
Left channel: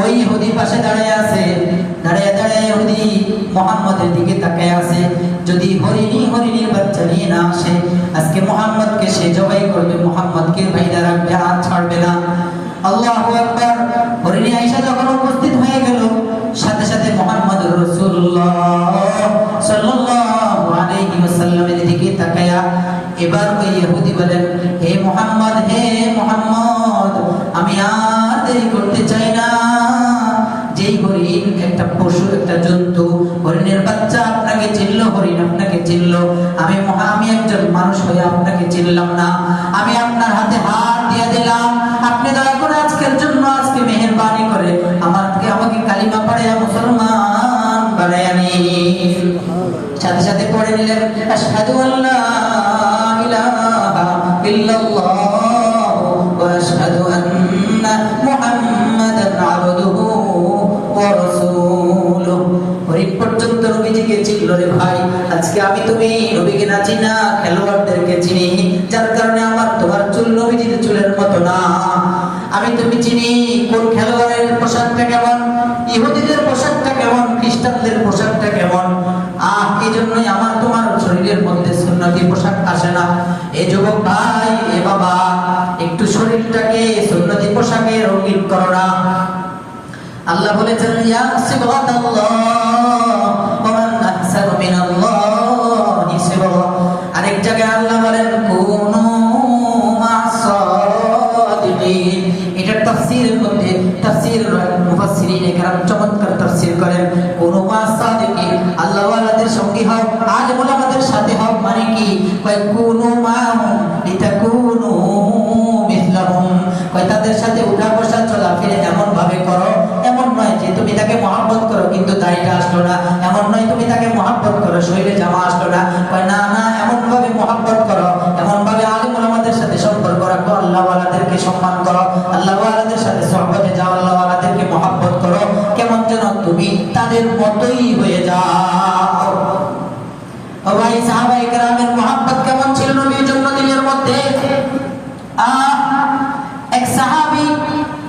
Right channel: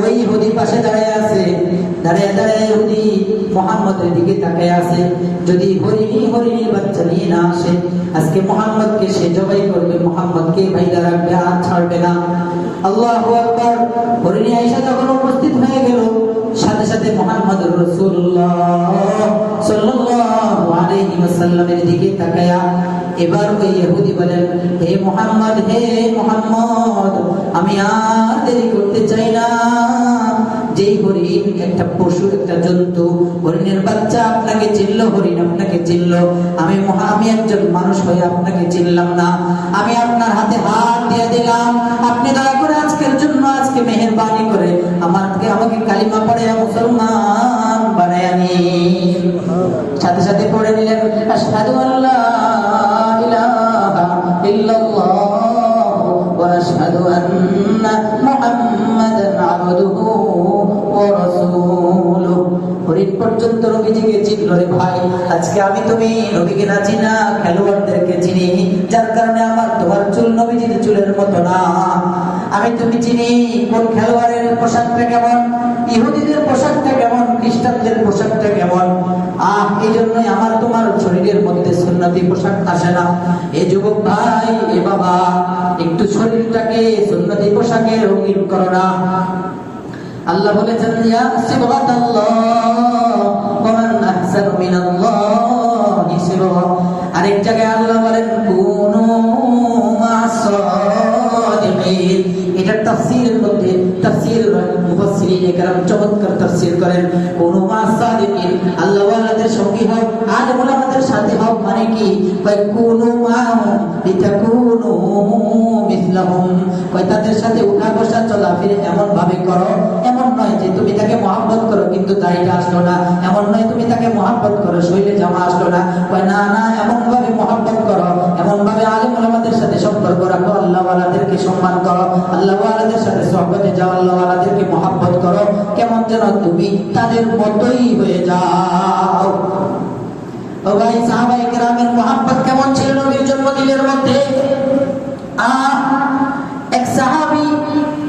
ওই ইহুদি পাশে দাঁড়ায় আছে। দাঁড়ায় ইহুদি মুহাম্মদের দিকে তাকায় আছে। যদি হরিণীর বাচ্চা নিয়ে না আসে, আজকে মুহাম্মদকে সে জবাই করবে, মুহাম্মদকে বাইরে রাখবে, আর ছাড়বে না। আল্লাহু আকবার। হরিণী আয়েশা যখন উপস্থিত হয়ে গেল, সাথে সাথে মুহাম্মদুর রাসূলুল্লাহ সাল্লাল্লাহু আলাইহি ওয়াসাল্লামের দিকে তাকায়া এবার ওই ইহুদি বলেন, হে মুহাম্মদ, আমি আর দেরি করতে চাই না। যেই হরিণ একটা পশু, একটা জন্তু, হরিণের বাচ্চা আপনাকে চিনল, হরিণ আপনাকে চিনল, আমি একজন মানুষ হয়ে আপনাকে চিনলাম না। আমি আপনার হাতে হাত দিয়ে দিলাম, আপনি দয়া করে আজকের জন্য, আজকে মেহেরবানি করে আমাকে কালিমা পড়াইয়া মুসলমান বানাইয়া নিন। সাথে সাথে পড়ে নিলেন, আশহাদু আল্লা ইলাহা ইল্লাল্লাহ ওয়া আশহাদু আন্না মুহাম্মাদান আবদুহু ওয়া রাসূলুহু। হরিণ পর্যন্ত নবীজিকে চিনল রে ভাই। আজকে আমি তুমি নবীকে না চিনা, খেলোয়াড়দেরকে চিনি, যার কারণে আমার তোমার চুল নবীজির চুলের মতো না। আমি তুমি চিনি কোন খেলোয়াড়ের পোশাকটা কেমন, ইহুদিদের পোশাকটা কেমন, খ্রিস্টানদের পোশাকটা কেমন। এই জন্যই আমার তোমার শরীরের মধ্যে সুন্নতি পোশাক আসে না। এ যুবক ভাই, এ বাবা, একটু শরীরটাকে সুন্নতি পোশাকে রঙিন করো না। আল্লাহ বলেছেন, ইয়া সিবগাতাল্লাহ ওয়া মান আহসানু মিনাল্লাহি সিবগা। আরেক জায়গায় আল্লাহ বলেন, কুনু মা'আস-সাদিকিন। এটা তাফসীরের মধ্যে মুফাসসিরিনে কেরাম চমৎকার তাফসীর করেন, কুনু মা'আস-সাদিকিন, আল্লাহ ওয়ালাদের সঙ্গী হও, আলেম ওলামাদের সাথে হও। মানে কি? কয় কুনু মা'হুম লিতাকুনু মিসলাহুম। কয় তাদের সাথে উঠা বসা চলাফেরা এমন ভাবে করো, এমন নয় যে তুমি তাকে মহব্বত করো কিন্তু দাড়িটা আসলো না, এমন নয় তুমি তাকে মহব্বত করো শরীরে জামা আসলো না। কয় না, এমন ভাবে মহব্বত করো, এমন ভাবে আলেম ওলামাদের সাথে সম্পর্ক রাখো, আল্লাহ ওয়ালাদেরকে সম্মান করো, আল্লাহ ওয়ালাদের সাথে সহবতে যাও, আল্লাহ ওয়ালাদেরকে মহব্বত করো, কেমন যেন তুমি তাদের মতোই হয়ে যাও। ও ভাই, সাহাবায়ে কেরামের মহব্বত কেমন ছিল নবীর জন্য দিলের মধ্যে। এক সাহাবী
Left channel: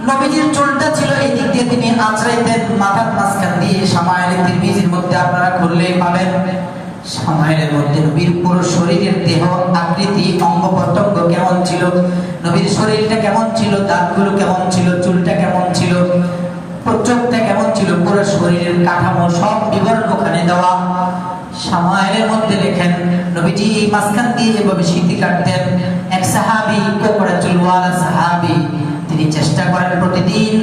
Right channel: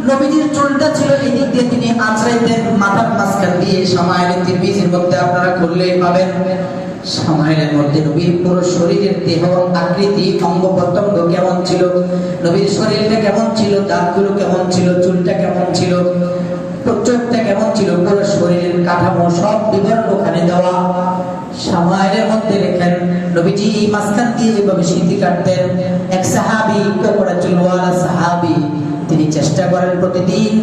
নবীজির চুলটা ছিল এই দিক দিয়ে তিনি আঁচড়াইতেন, মাথার মাঝখান দিয়ে। শামায়েলে তিরমিজির মধ্যে আপনারা খুললেই পাবেন। শামায়েলের মধ্যে নবীর পুরো শরীরের দেহ আকৃতি, অঙ্গ প্রত্যঙ্গ কেমন ছিল, নবীর শরীরটা কেমন ছিল, দাঁতগুলো কেমন ছিল, চুলটা কেমন ছিল, চোখটা কেমন ছিল, পুরো শরীরের কাঠামো সব বিবরণ ওখানে দেওয়া। শামায়েলের মধ্যে লেখেন, নবীজি মাঝখান দিয়ে যেভাবে সিঁথি কাটতেন, এক সাহাবী, কোকড়া চুলওয়ালা সাহাবী, তিনি চেষ্টা করেন প্রতিদিন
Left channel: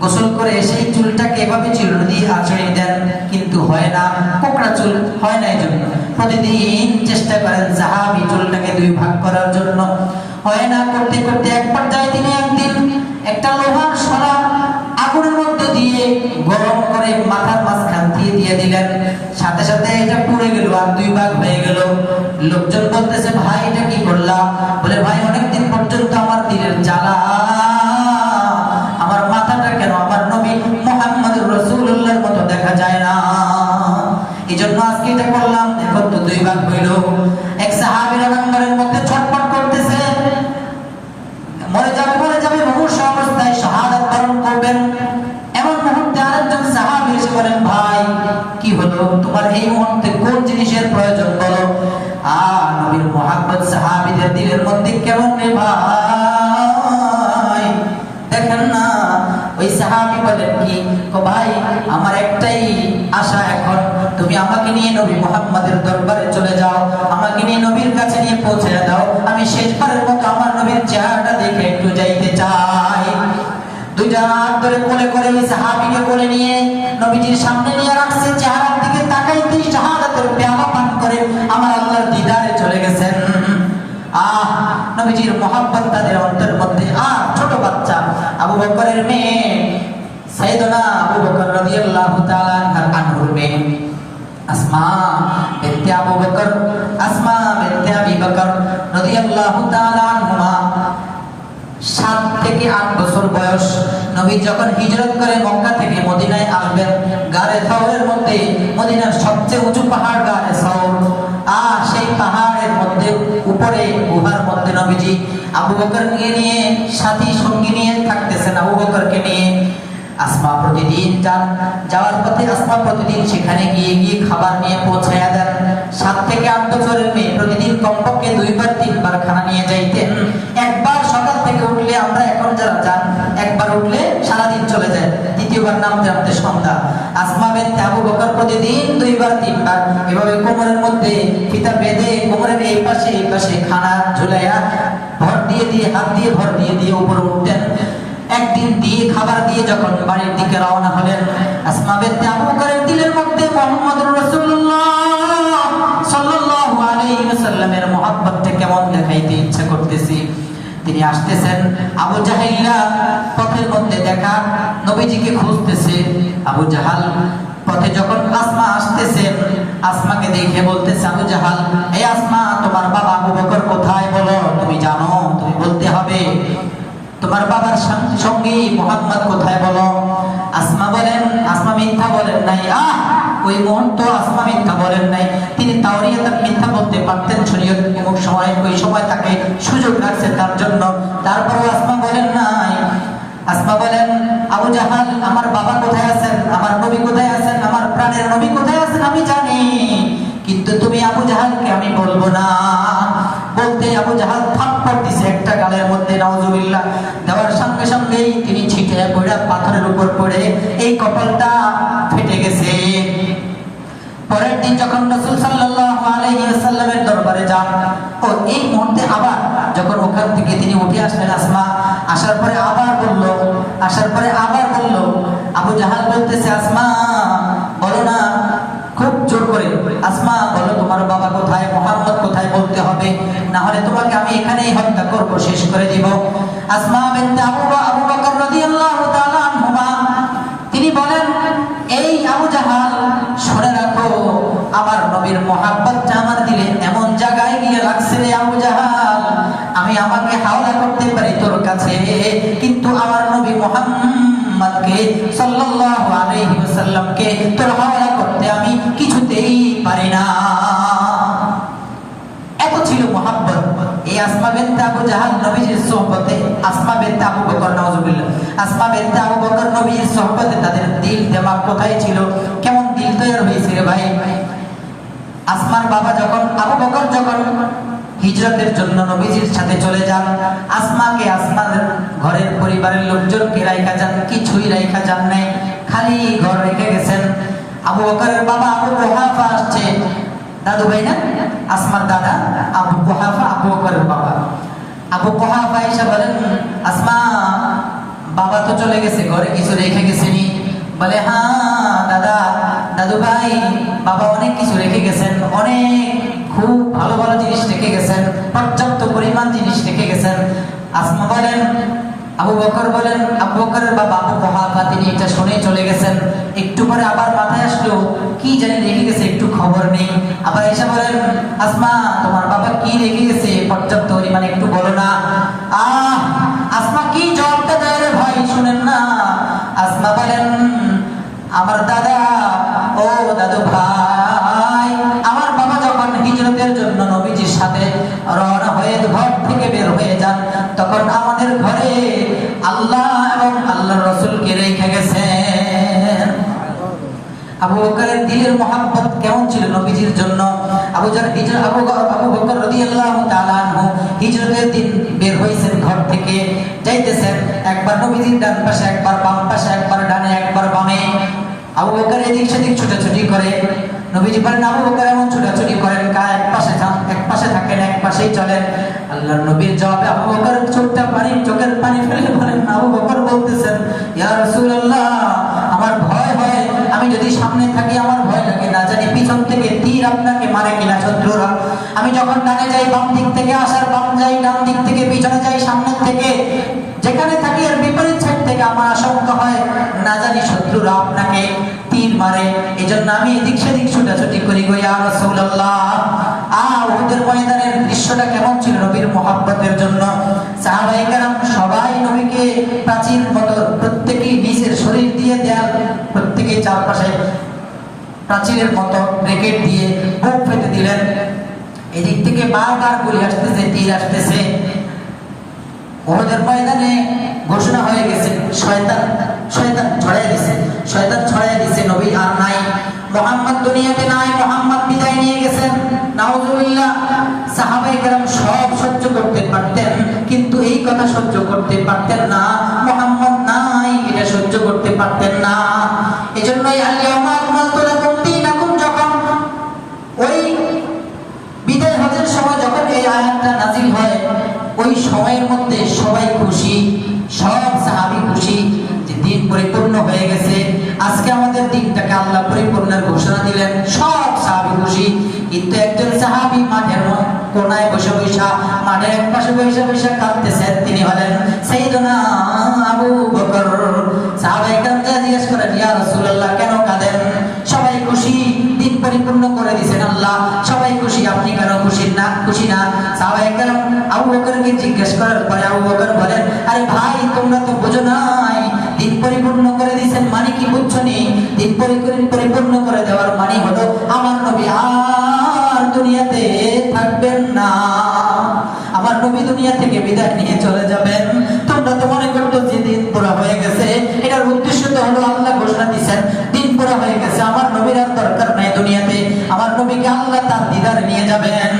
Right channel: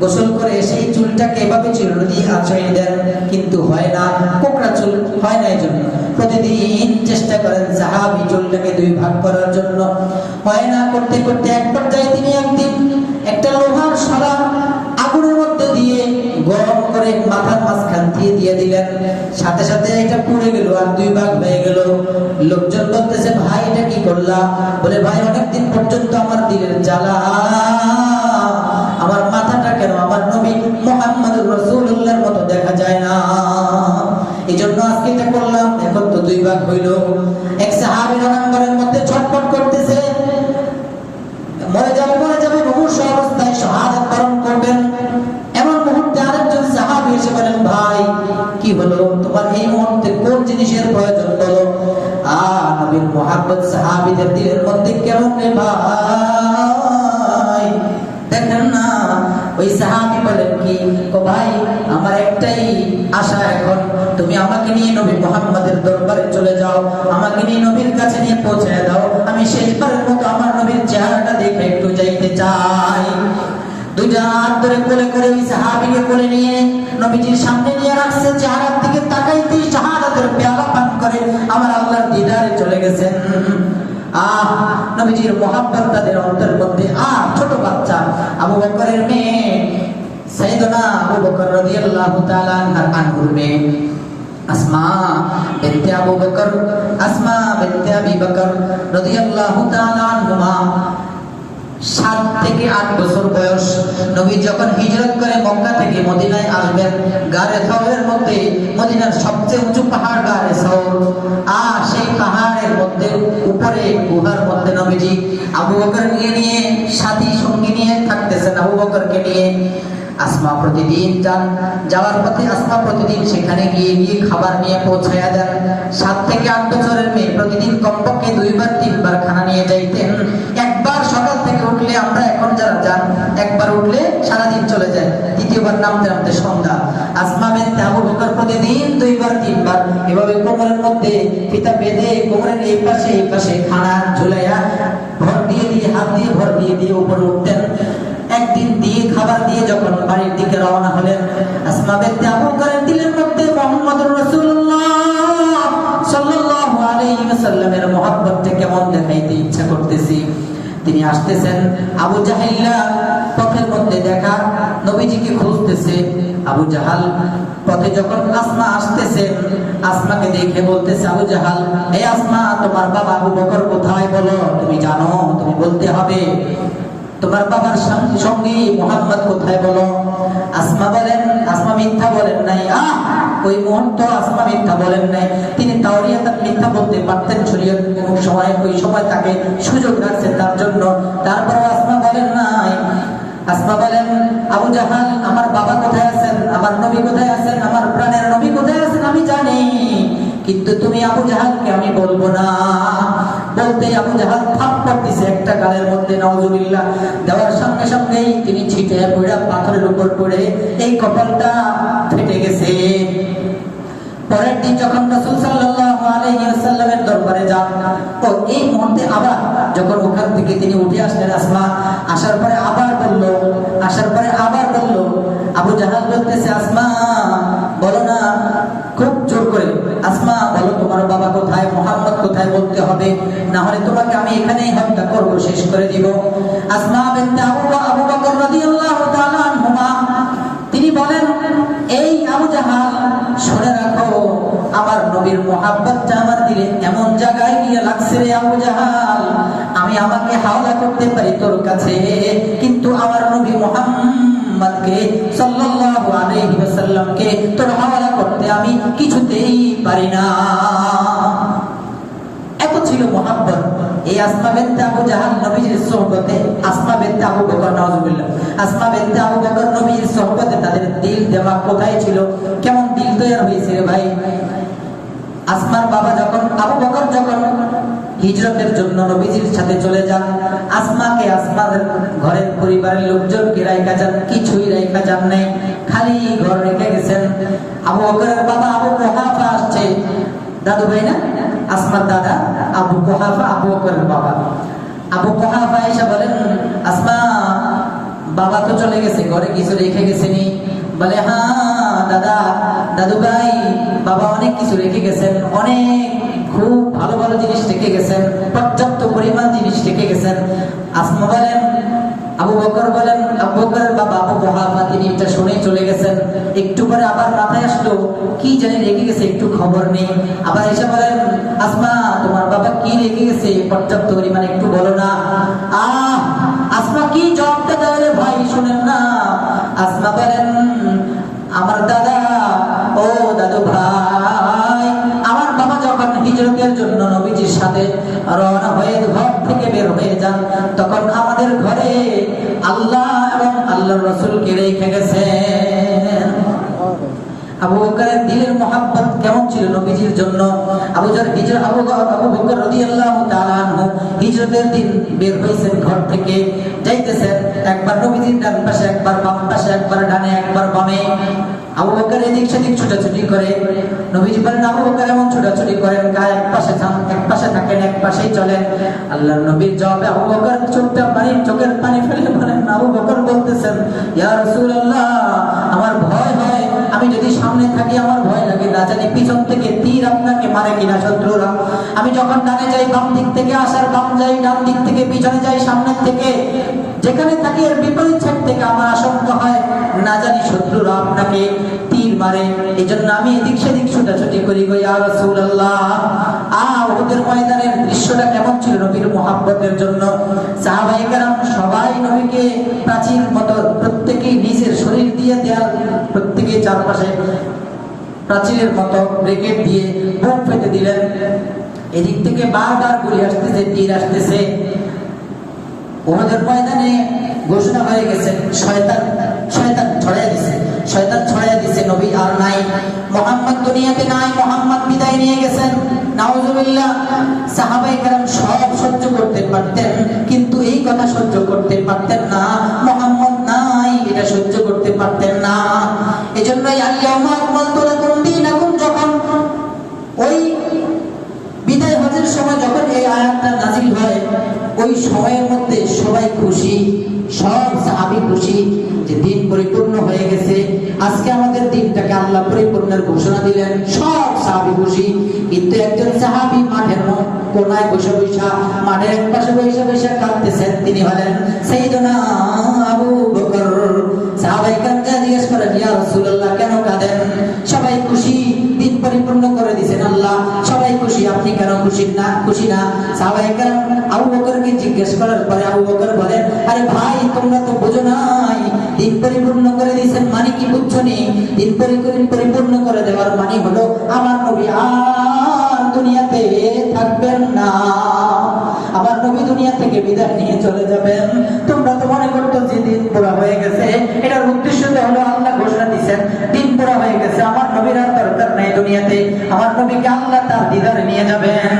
গোসল করে সেই চুলটাকে এভাবে চুল দিয়ে আঁচড়িয়ে দেন, কিন্তু হয় না, কোকড়া চুল হয় না। এই জন্য প্রতিদিন চেষ্টা করেন সাহাবী চুলটাকে দুই ভাগ করার জন্য, হয় না। করতে করতে এক পর্যায়ে তিনি একদিন একটা লোহার শলা আগুনের মধ্যে দিয়ে গরম করে মাথার মাঝখান দিয়ে দিলেন। সাথে সাথে এটা পুড়ে গেল, আর দুই ভাগ হয়ে গেল। লোকজন বলতেছে, ভাই এটা কি করলাম? বলে, ভাই অনেকদিন পর্যন্ত আমার দিলের জ্বালা, আমার মাথাটা কেন আমার নবী মুহাম্মদুর রাসূলুল্লাহর মতো দেখা যায় না, এই জন্য আজকে এটা করলাম। এখন তো দুই ভাগ হইল। এক সাহাবী নম্বরের মধ্যে ছটফট করতেছে, বলো নবীর মুহাব্বত সাহাবীদের দিলের মধ্যে কেমন রে ভাই। দেখেন না ওই সাহাবী বলেন কি, ও ভাই আমার একটাই আশা, এখন তুমি আমাকে নিয়ে নবী মুহাম্মাদের দরবারে চলে যাও, আমাকে নিয়ে নবীর কাছে নিয়ে পৌঁছে দাও, আমি শেষবারের মতো আমার নবীর চেহারাটা দেখে একটু যাইতে চাই। দুইটা হাত ধরে কোলে করে ওই সাহাবীকে কোলে নিয়ে নবীজির সামনে নিয়ে রাখছে, চেহারার দিকে তাকাইতেই শাহাদাতের পেয়ালা পান করে আমার আল্লাহর দিদারে চলে গেছেন। নবীজির মুহাব্বত তাদের অন্তরের মধ্যে। ছোট বাচ্চা আবু বকরের মেয়ে সাইয়েদনা আবু বকর রাদিয়াল্লাহু তাআলা আনহুর মেয়ে আসমা বিনতে আবু বকর, আসমা বিনতে আবি বকর রাদিয়াল্লাহু তাআলা আনহুমা 7 থেকে 8 বছর বয়স। নবী যখন হিজরত করে মক্কা থেকে মদিনায় আসবেন, গারে সাওরের মধ্যে, মদিনার সবচেয়ে উঁচু পাহাড় গারে সাওর, সেই পাহাড়ের মধ্যে উপরে গুহার মধ্যে নবীজি আবু বকরকে নিয়ে সাথী সঙ্গী নিয়ে থাকতেছেন। আবু বকরকে নিয়ে আসমা প্রতিদিন যাওয়ার পথে আসমা প্রতিদিন সেখানে গিয়ে খাবার নিয়ে পৌঁছায়া দেন। 7 থেকে 8 বছরের মেয়ে প্রতিদিন কমপক্ষে 2বার 3বার খানা নিয়ে যাইতেন। একবার সকাল থেকে উঠলে, আমরা এখন যারা যান একবার উঠলে সারাদিন চলে যায়, দ্বিতীয়বার নামতে নামতে সন্ধ্যা। আসমা বিনতে আবু বকর প্রতিদিন 2বার 3বার এভাবে কোমরের মধ্যে ফিতা বেঁধে কোমরের এই পাশে খানা ঝুলাইয়া ভর দিয়ে হাত দিয়ে ভর দিয়ে উপরে উঠতেন। একদিন দিয়ে খাবার দিয়ে যখন বাড়ির দিকে রওনা হলেন, আসমা বিনতে আবু বকরের দিলের মধ্যে মুহাম্মদুর রাসূলুল্লাহ সাল্লাল্লাহু আলাইহি ওয়াসাল্লামের মুহাব্বতটা কেমন দেখাইতে ইচ্ছা করতেছি। তিনি আসতেছেন, আবু জাহেলরা পথের মধ্যে দেখা নবীজিকে খুঁজতেছে। আবু জাহাল পথে যখন আসমা আসতেছেন, আসমাকে দেখে বলতেছে আবু জাহাল, এই আসমা তোমার বাবা আবু বকর কোথায় বলো, তুমি জানো, তুমি বলতে হবে। তোমার বাবার সঙ্গী মুহাম্মদ কোথায় বলো। আসমা বলেন, আসমা মিথ্যা বলেন নাই। ওই মুহূর্ত আসমা মিথ্যা বলেন নাই। তিনি তাওরিয়াত মিথ্যা বলতে পারতেন, শরীয়ত ওই সময় তাকে সুযোগ রাখছে তার জন্য। তারপরও আসমা বলেন নাই। আসমা বলেন, আবু জাহাল আমার বাবা কোথায় আছেন, আমার নবী কোথায় আছেন, আমার প্রাণের নবী কোথায় আছেন আমি জানি, কিন্তু তুমি আবু জাহালকে আমি বলবো না। বলতে আবু জাহাল থাপ্পড় দিছে একটা গালের মধ্যে, নাউজুবিল্লাহ। দেওয়ার সঙ্গে সঙ্গেই তিনি ছিটে পড়ে পাথরের উপর পড়ে এই কপালটা ফেটে গেছে। পরের দিন যখন রাসূল সাল্লাল্লাহু আলাইহি ওয়াসাল্লামের দরবারে যান, এই মুহূর্তে আবার যখন ওখান থেকে তিনি উঠে আসলেন, আসমা আসার পরে আবার বলল, আবু জাহাল বলতেছে, আসমা বলো না, খুব জোর করে, আসমা বলো তোমার বাবা কোথায়, মুহাম্মদ কোথায় বলতে হবে, না হলে তোমাকে আমি এখানেই হত্যা করব, শেষ করে দিব। আসমা বিনতে আবু বকর রাদিয়াল্লাহু তাআলা আনহুমা তিনি বলেন, এই আবু জাহাল শুনে রাখো, আমার নবীর মুহাব্বতটা আমার দিলে এমন জায়গায় গিয়ে লাগছে রে আবু জাহাল, আমি আমাকে হাওলা করতে পারি তোর কাছে, কিন্তু আমার নবী মুহাম্মদকে সাল্লাল্লাহু আলাইহি ওয়াসাল্লামকে তোর হাওলা করতে আমি কিছুতেই পারি না। এত ছিল মুহাব্বত। এই আসমা বিনতে আবু জাহাল নবীর সোহবতে, আসমা বিনতে আবু বকর, নাউজুবিল্লাহ, আসমা বিনতে আবু বকর নবীর সোহবতে তাদের দিল দেমাগ কোথায় ছিল, কেমন দিল তৈরি হয়েছে রে ভাই। আসমার বাবা যখন আবু বকর যখন হিজরতের জন্য নবীজির সাথে চলে যান, আসমাকে আসমার ঘরের পরিবারের লোকজনকে রাইখা যান, কিছুই রাইখা যান নাই, খালি ঘর রেখে গেছেন। আবু বকরের বাবা আবু কুহাফা আসছে, দাদু ভাই না, আসমার দাদা আবু কুহাফা, আবু বকরের বাবা। আবু কুহাফা এসে বলেন, আসমা বাবা তো চলে গেছে, ঘরে কিছু রেখে গেছেনি? বলে, হ্যাঁ দাদু ভাই, বাবা অনেক কিছু রেখে গেছেন, অনেক খুব ভালো ভালো জিনিস রেখে গেছেন, পর্যাপ্ত পরিমাণ জিনিস রেখে গেছেন। আসমা বলেন, আবু বকর বলেন, আবু বকরের বাবা আবু কুহাফা তিনি এটা শুনে চলে গেছেন। একটু পরে আবার মাথায় আসলো, কি জানি রেখে গেছে, একটু খবর নেই। আবার এসে বলেন, আসমা তোমার বাবা কি রেখে গেছে পর্যাপ্ত পরিমাণে একটু বলো না। আসমা কি জবাবটা দেয় রে ভাই, শুনেন না। আসমা বলেন, আমার দাদা, ও দাদু ভাই, আমার বাবা যখন হিজরতের জন্য নবীজির সাথে রওনা হয়ে ঘর থেকে বের হয়ে যান, তখন আমাদের ঘরে আল্লাহ এবং আল্লাহর রাসূলকে রেখে গেছেন। আবু আবু বকরের দিলের মহব্বত কেমন ছিল নবীজির জন্য। আবু বকর রাদিয়াল্লাহু তাআলা আনহু হিজরতের দিন বের হইছেন ঘর থেকে, যাইতেছেন একবার নবীজির ডান পাশে, একবার বাম পাশে, একবার ডানে একবার বামে। আবু বকর এদিক সেদিক ছোটাছুটি করে। নবীজি বলেন, আবু বকর এমন ছোটাছুটি করেন কা এক পাশে থাকেন, এক পাশেই চলেন। আল্লাহর নবীর জবাবে আবু বকর চোখের পানি ফেলে বলেন, আবু বকর বলতেছেন, ইয়া রাসূলুল্লাহ, আমার ভয় হয়, আমি যদি সামনে থাকি আমার ভয় লাগে, না জানি পিছন থেকে তীর আপনাকে মারে কিনা শত্রুরা। আমি যখন ডানে যাই বাম দিক থেকে আসার, বাম যাই ডান দিক থেকে, পিছনে যাই সামনের থেকে, যেখানে থাকি আর বিপরীত সাইড থেকে আমার আশঙ্কা হয় না জানি শত্রুরা আপনাকে তীর মারে, এজন্য আমি এদিক সেদিক ছোটাছুটি করি গো ইয়া রাসূলুল্লাহ। উহুদের ময়দানের দৃশ্যটা কেমন ছিল নবীর মুহাব্বতের জন্য। সাহাবায়ে কেরাম সবাই নবীকে প্রাচীর মতো প্রত্যেকেই নিজের শরীর দিয়ে দেয়াল, প্রত্যেকেই চারপাশে প্রাচীরের মতো ব্রেকেট দিয়ে বুক ফেটে দিলেন। এদিক থেকে বারবার গুলি আসতেছে, তীর আসতেছে। উহুদের ময়দানে ঘোষণা হয়ে গেছে, শয়তান ছড়াই দিছে, নবী আর নাই, মুহাম্মদ দুনিয়াতে নাই, মুহাম্মদ বিদায় নিয়ে গেছেন। নাউজুবিল্লাহ। সাহাবায়ে কেরাম সব সহ্য করতে পারতেন, কিন্তু এই কথা সহ্য করতে পারতেন না, মুহাম্মদ নাই এটা সহ্য করতে পারতেন না। এজন্যই আল-ইয়াউমা আকমালতু লাকুম দীনাকুম যখন ওই বিদায় হজের সময় যখন এই আয়াতটা নাযিল হয়, ওই সময়ের মধ্যে সবাই খুশি, সব সাহাবী খুশি যে দিন পরিপূর্ণ হয়ে গেছে। আজকে আমাদের দিনটাকে আল্লাহ পরিপূর্ণের ঘোষণা দিলেন, সব সাহাবী খুশি। কিন্তু একজন সাহাবী মাঠের কোনায় বসে মাঠের এক পাশে বসে কাঁদতেছেন, তিনি হলেন সাইয়েদুনা আবু বকর। সাহাবায়ে কেরাম জিজ্ঞেস করেন, ইয়া রাসূলুল্লাহ, কেন কাঁদেন? সবাই খুশি, দিন পরিপূর্ণ করে দিয়েছেন আল্লাহ, সবাই খুশি, আপনি কেন খুশি না? সাহাবায়ে কেরাম আবু বকরকে জিজ্ঞেস করার পরে আবু বকর বলেন, আরে ভাই, তোমরা তো বুঝো নাই, দিন পরিপূর্ণ করে দিয়েছেন মানে কি বুঝছো নি? দিন পরিপূর্ণ করে দেওয়ার মানে হলো আমার নবী আর দুনিয়াতে থাকবেন না, আমার নবী দুনিয়া থেকে বিদায় নিয়ে চলে যাবেন। তোমরা তো মনে করতো যে দিন পুরা হয়ে গেছে, এটার উদ্দেশ্য তো হলো আল্লাহ ঘোষণা দিয়েছেন দিন পুরা হয়ে গেছে, আমার নবীর আর দরকার নেই দুনিয়াতে, আমার নবীকে আল্লাহ তার দিদারে নিয়ে যাবেন।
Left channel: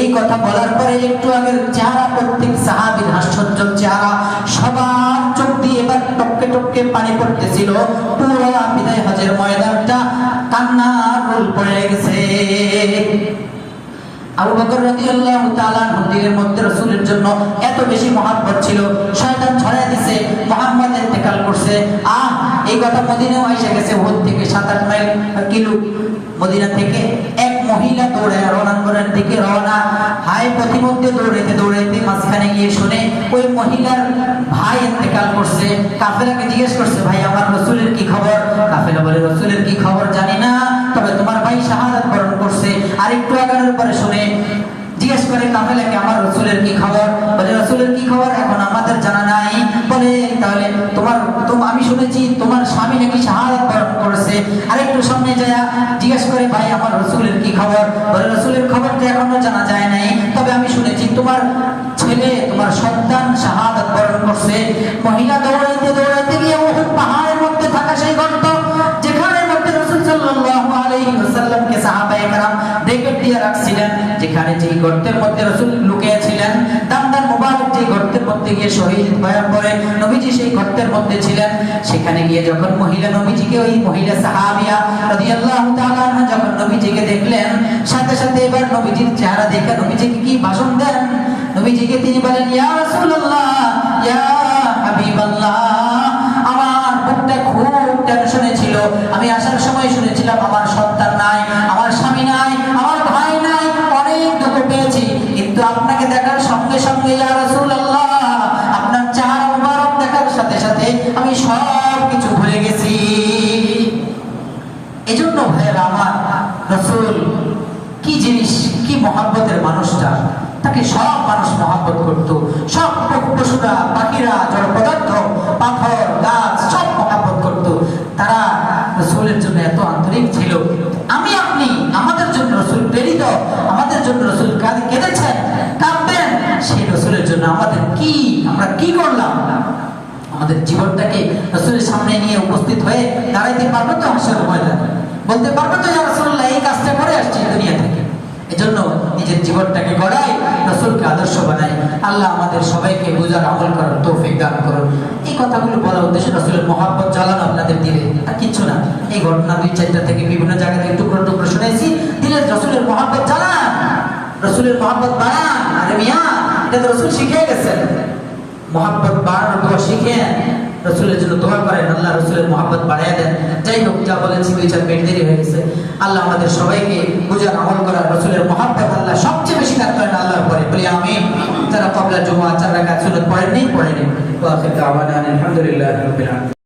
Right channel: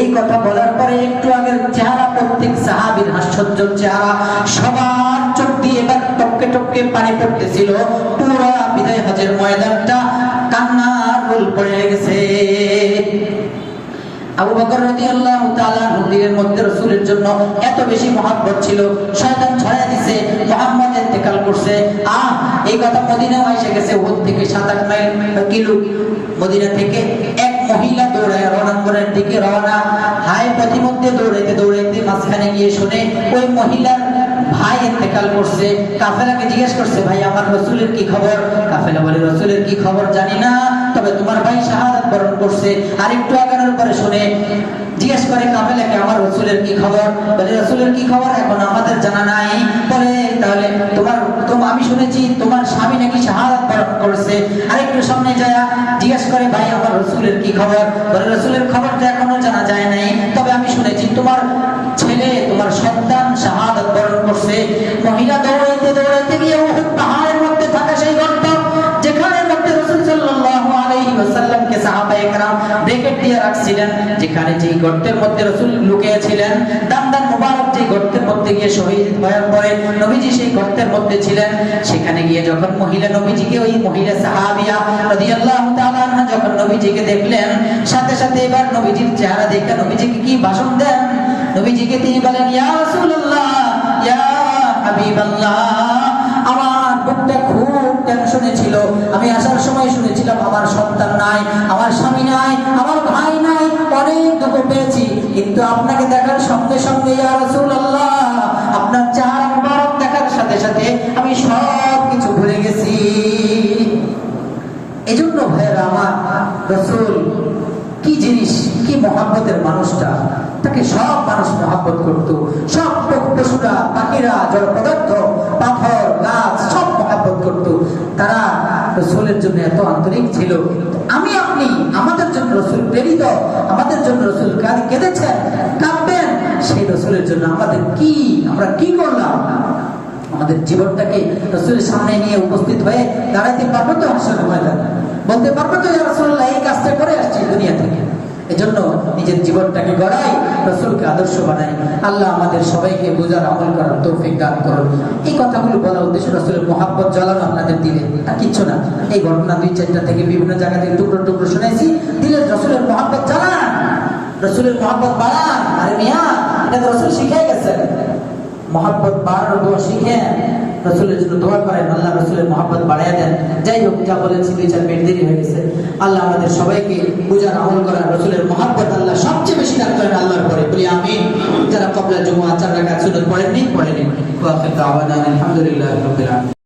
এই কথা বলার পরে একটু আগের চেহারা, প্রত্যেক সাহাবীর হাস্যজ্জ্বল চেহারা, সবার চোখ দিয়ে এবার টপকে টপকে পানি পড়তেছিল। পুরো বিদায় হজের ময়দানটা কান্নার রোল পড়ে গেছে। আবু বকর রাদিয়াল্লাহু তাআলা নবীর মধ্যে রাসূলের জন্য এত বেশি মহব্বত ছিল, শয়তান ছড়ায় দিয়েছে, মুহাম্মদ ইন্তেকাল করছে। এই কথা মদিনাও এসে গেছে, ওখান থেকে 7-8 মাইল কিলো। মদিনা থেকে এক মহিলা দৌড়ায় রণাঙ্গনের দিকে রওনা। হায় পথিমধ্যে দৌড়াইতে মাঝখানে গিয়ে শুনে ওই মহিলার ভাই ইন্তেকাল করছে। কাফেলাকে জিজ্ঞেস করছে, ভাই আমার রাসূলের কি খবর? কাফেলা বলে, রাসূলের কি খবর জানি না, তবে তোমার ভাই শাহাদাত বরণ করছে। আর একটু আগানোর পরে শুনে জিজ্ঞেস করে কাফেলাকে, আমার রাসূলের কি খবর? বলে, রাসূলের কি খবর এখন আমাদের জানা নাই। বলে, তাহলে আমি শুনেছি তোমার স্বামী নাকি শাহাদাত বরণ করেছে। আর একটু সামনে যায় জিজ্ঞেস করে, ভাই আমার রাসূলের কি খবর? বলে, রাসূলের খবরটা এখনো জানা যায় নাই, তবে আমি শুনেছি তোমার ছেলে, তোমার সন্তান শাহাদাত বরণ করছে। মহিলা দৌড়াইতে গিয়ে উহুদ পাহাড়ের মধ্যে থাকা সেই গর্ত, যেখানে মধ্যে রাসূল সাল্লাল্লাহু আলাইহি ওয়াসাল্লামকে সাহাবায়ে কেরাম ব্রেকেট দিয়ে রাখছিলেন, যেখানে যেই গর্তের মধ্যে রাসূল লুকিয়েছিলেন, দান্দান মুবারক যেই গর্তের মধ্যে গিয়ে শহীদ হয়ে পড়ে, নবীজি সেই গর্তের মধ্যে ছিলেন। সেখানে গিয়ে যখন মহিলা নবীজিকে, ওই মহিলা সাহাবিয়া রাদিয়াল্লাহু তাআলা আনহা যখন নবীজিকে দেখলেন, সাথে সাথে এবার নবীজির চেহারা দেখে নবীজিকে কি ভাষণ দেন? নবীজিকে তিনি বলেন, ইয়া রাসূলুল্লাহ, ইয়া হাবিবাল্লাহ, আমার বুকটা খুব টেনশনে ছিল। আমি আসার সময় শুনেছিলাম আমার সন্তান নাই, আমার স্বামী নাই, আমার ভাই নাই, অনেক দুঃখ পেয়েছি। কিন্তু আপনাকে দেখার সঙ্গে সঙ্গে ইয়া রাসূলুল্লাহ, আপনার চেহারা মুবারক দেখার সাথে সাথে আমি সব কিছু ভুলে গেছি। এজন্য ভাইয়েরা আমার, রাসূল কি জিনিস, কি মহব্বতের মানুষটা, তাকে সব মানুষ মহব্বত করত। সব পশুরা, পাখিরা, জড় পদার্থ, পাথর, গাছ সব মহব্বত করত। তারা রাসূলের জন্য এত আন্তরিক ছিল। আমি আপনি আমাদের জন্য রাসূল প্রেরিত, আমাদের জন্য রাসূল কেঁদেছেন, কাঁদবেন, সেই রাসূলের জন্য আমরা কি করলাম? আমাদের জীবনটাকে রাসূলের সামনে নিয়ে উপস্থিত হয়ে দাঁড়াইতে পারবো তো হাসরের ময়দানে? বলতে পারবো তো ইয়া রাসূলুল্লাহ এই কাজটা করে আসছি দুনিয়া থেকে। এজন্য নিজের জীবনটাকে গড়াই, রাসূলকে আদর্শ বানাই। আল্লাহ আমাদের সবাইকে বুঝার আমল করার তৌফিক দান করুন। এই কথাগুলো বলার উদ্দেশ্য রাসূলের মহব্বত জ্বালানো আপনাদের দিলে, আর কিচ্ছু না। এই ঘটনা 2-4টা থেকে বিভিন্ন জায়গা থেকে টুকরো টুকরো শুনেছি। দিলে রাসূলের মহব্বত জ্বালান, রাসূলের মহব্বত বাড়ান। আরে মিয়া, এটা তো রাসূল শিখিয়ে গেছেন। মহব্বত বাড়ানোর দোয়া শিখেন, রাসূলের জন্য দোয়া করেন, আল্লাহ রাসূলের মহব্বত বাড়াইয়া দেন। যাই হোক, যা বলেছি 2-4 মিনিট দেরি হয়ে গেছে। আল্লাহ আমাদের সবাইকে বুঝার আমল করার, রাসূলের মহব্বত আল্লাহ সবচেয়ে বেশি কাজ করেন আল্লাহর পরে, বলি আমিন। যারা ক্বাবলা জুমআ 4 রাকাত সুন্নাত পড়েননি। ওয়া আখির দাওয়ানা আলহামদুলিল্লাহি রাব্বিল আলামিন।